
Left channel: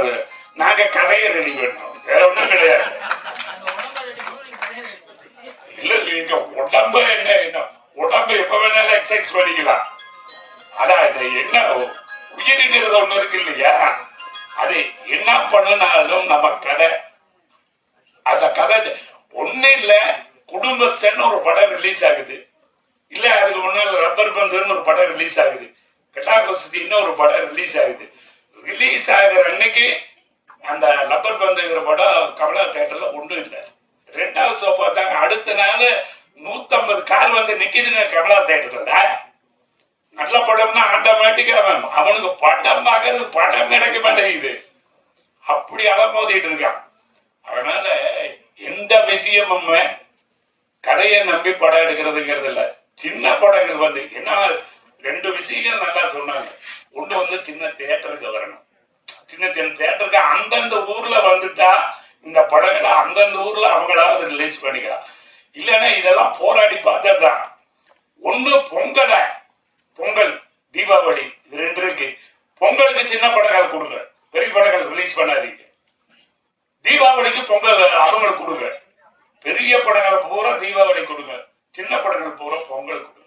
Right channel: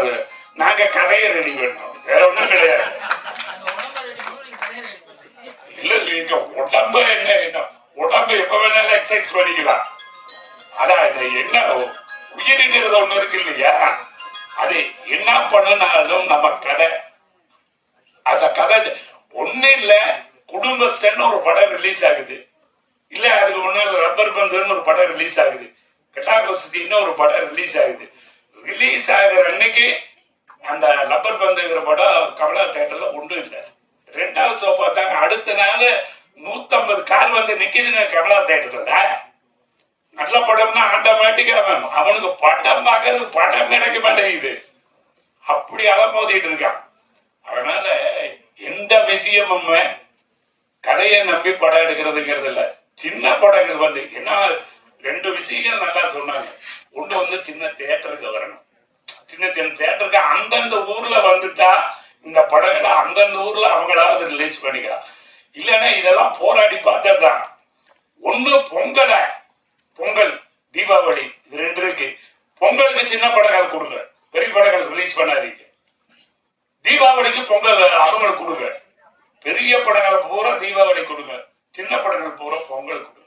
நாங்க கதையை ரெடி பண்ணோம், வேற ஒண்ணும் கிடையாது. இல்ல நீங்க உடம்ப என்ன உடம்பு எப்ப வேணாலும் எக்ஸசைஸ் பண்ணிக்கலாம். ஆனா இது என்ன உயிரிக்கிறது ஒண்ணு இருக்கு இல்லையா, அது என்ன பண்ணனாலும் நம்ம கதை, அந்த கதை ஒண்ணு இல்ல. குடும்பஸ்தன்னு ஒரு படம் ரிலீஸ் ஆகுது, இல்ல அதுக்கு ஒண்ணு ரப்பர் பந்துன்னு ஒரு படம் ரிலீஸ் ஆகுது, கட்டாகோசதின்னு ஒரு படம் ரிலீஸ் ஆகுது. ரிலீஸ் ஆகிற அன்னைக்கு அந்த ரப்பர் பந்துங்கிற படம் கமலா தியேட்டர்ல ஒண்ணும் இல்லை. 2வது ஷோ பார்த்தாங்க. அடுத்த நாள் 150 கார் வந்து நிக்குதுங்க கமலா தியேட்டர்ல. நல்ல படம்னா ஆட்டோமேட்டிக்கா அவனுக்கு படம் பார்க்கறது படம் கிடைக்க மாட்டேங்குது. அப்படி அலமோதிட்டு இருக்கான். அதனால எந்த விஷயமும் கதையை நம்பி படம் எடுக்கிறதுங்கிறது இல்ல. சின்ன படங்கள் வந்து என்ன 2 விஷயங்கள் நல்லா சொன்னாங்க. ஒண்ணு வந்து சின்ன தியேட்டருக்கு வரணும். சின்ன சின்ன தியேட்டருக்கு அந்தந்த ஊர்ல வந்துட்டா இந்த படங்களை அந்தந்த ஊர்ல அவங்களாவது ரிலீஸ் பண்ணிக்கலாம். இல்லைன்னா இதெல்லாம் போராடி பார்த்ததுதான். ஒண்ணு பொங்கல் தீபாவளி இது 2 இருக்கு. பொங்கலுக்கு சின்ன படங்கள் கொடுங்க, பெரிய படங்கள் ரிலீஸ் பண்ணாதீங்க. தீபாவளிக்கு பொங்கல் அவங்களுக்கு கொடுங்க, பெரிய படங்களை பூரா தீபாவளி கொடுங்க, சின்ன படங்கள் பூரா பொங்கல் கொடுங்க.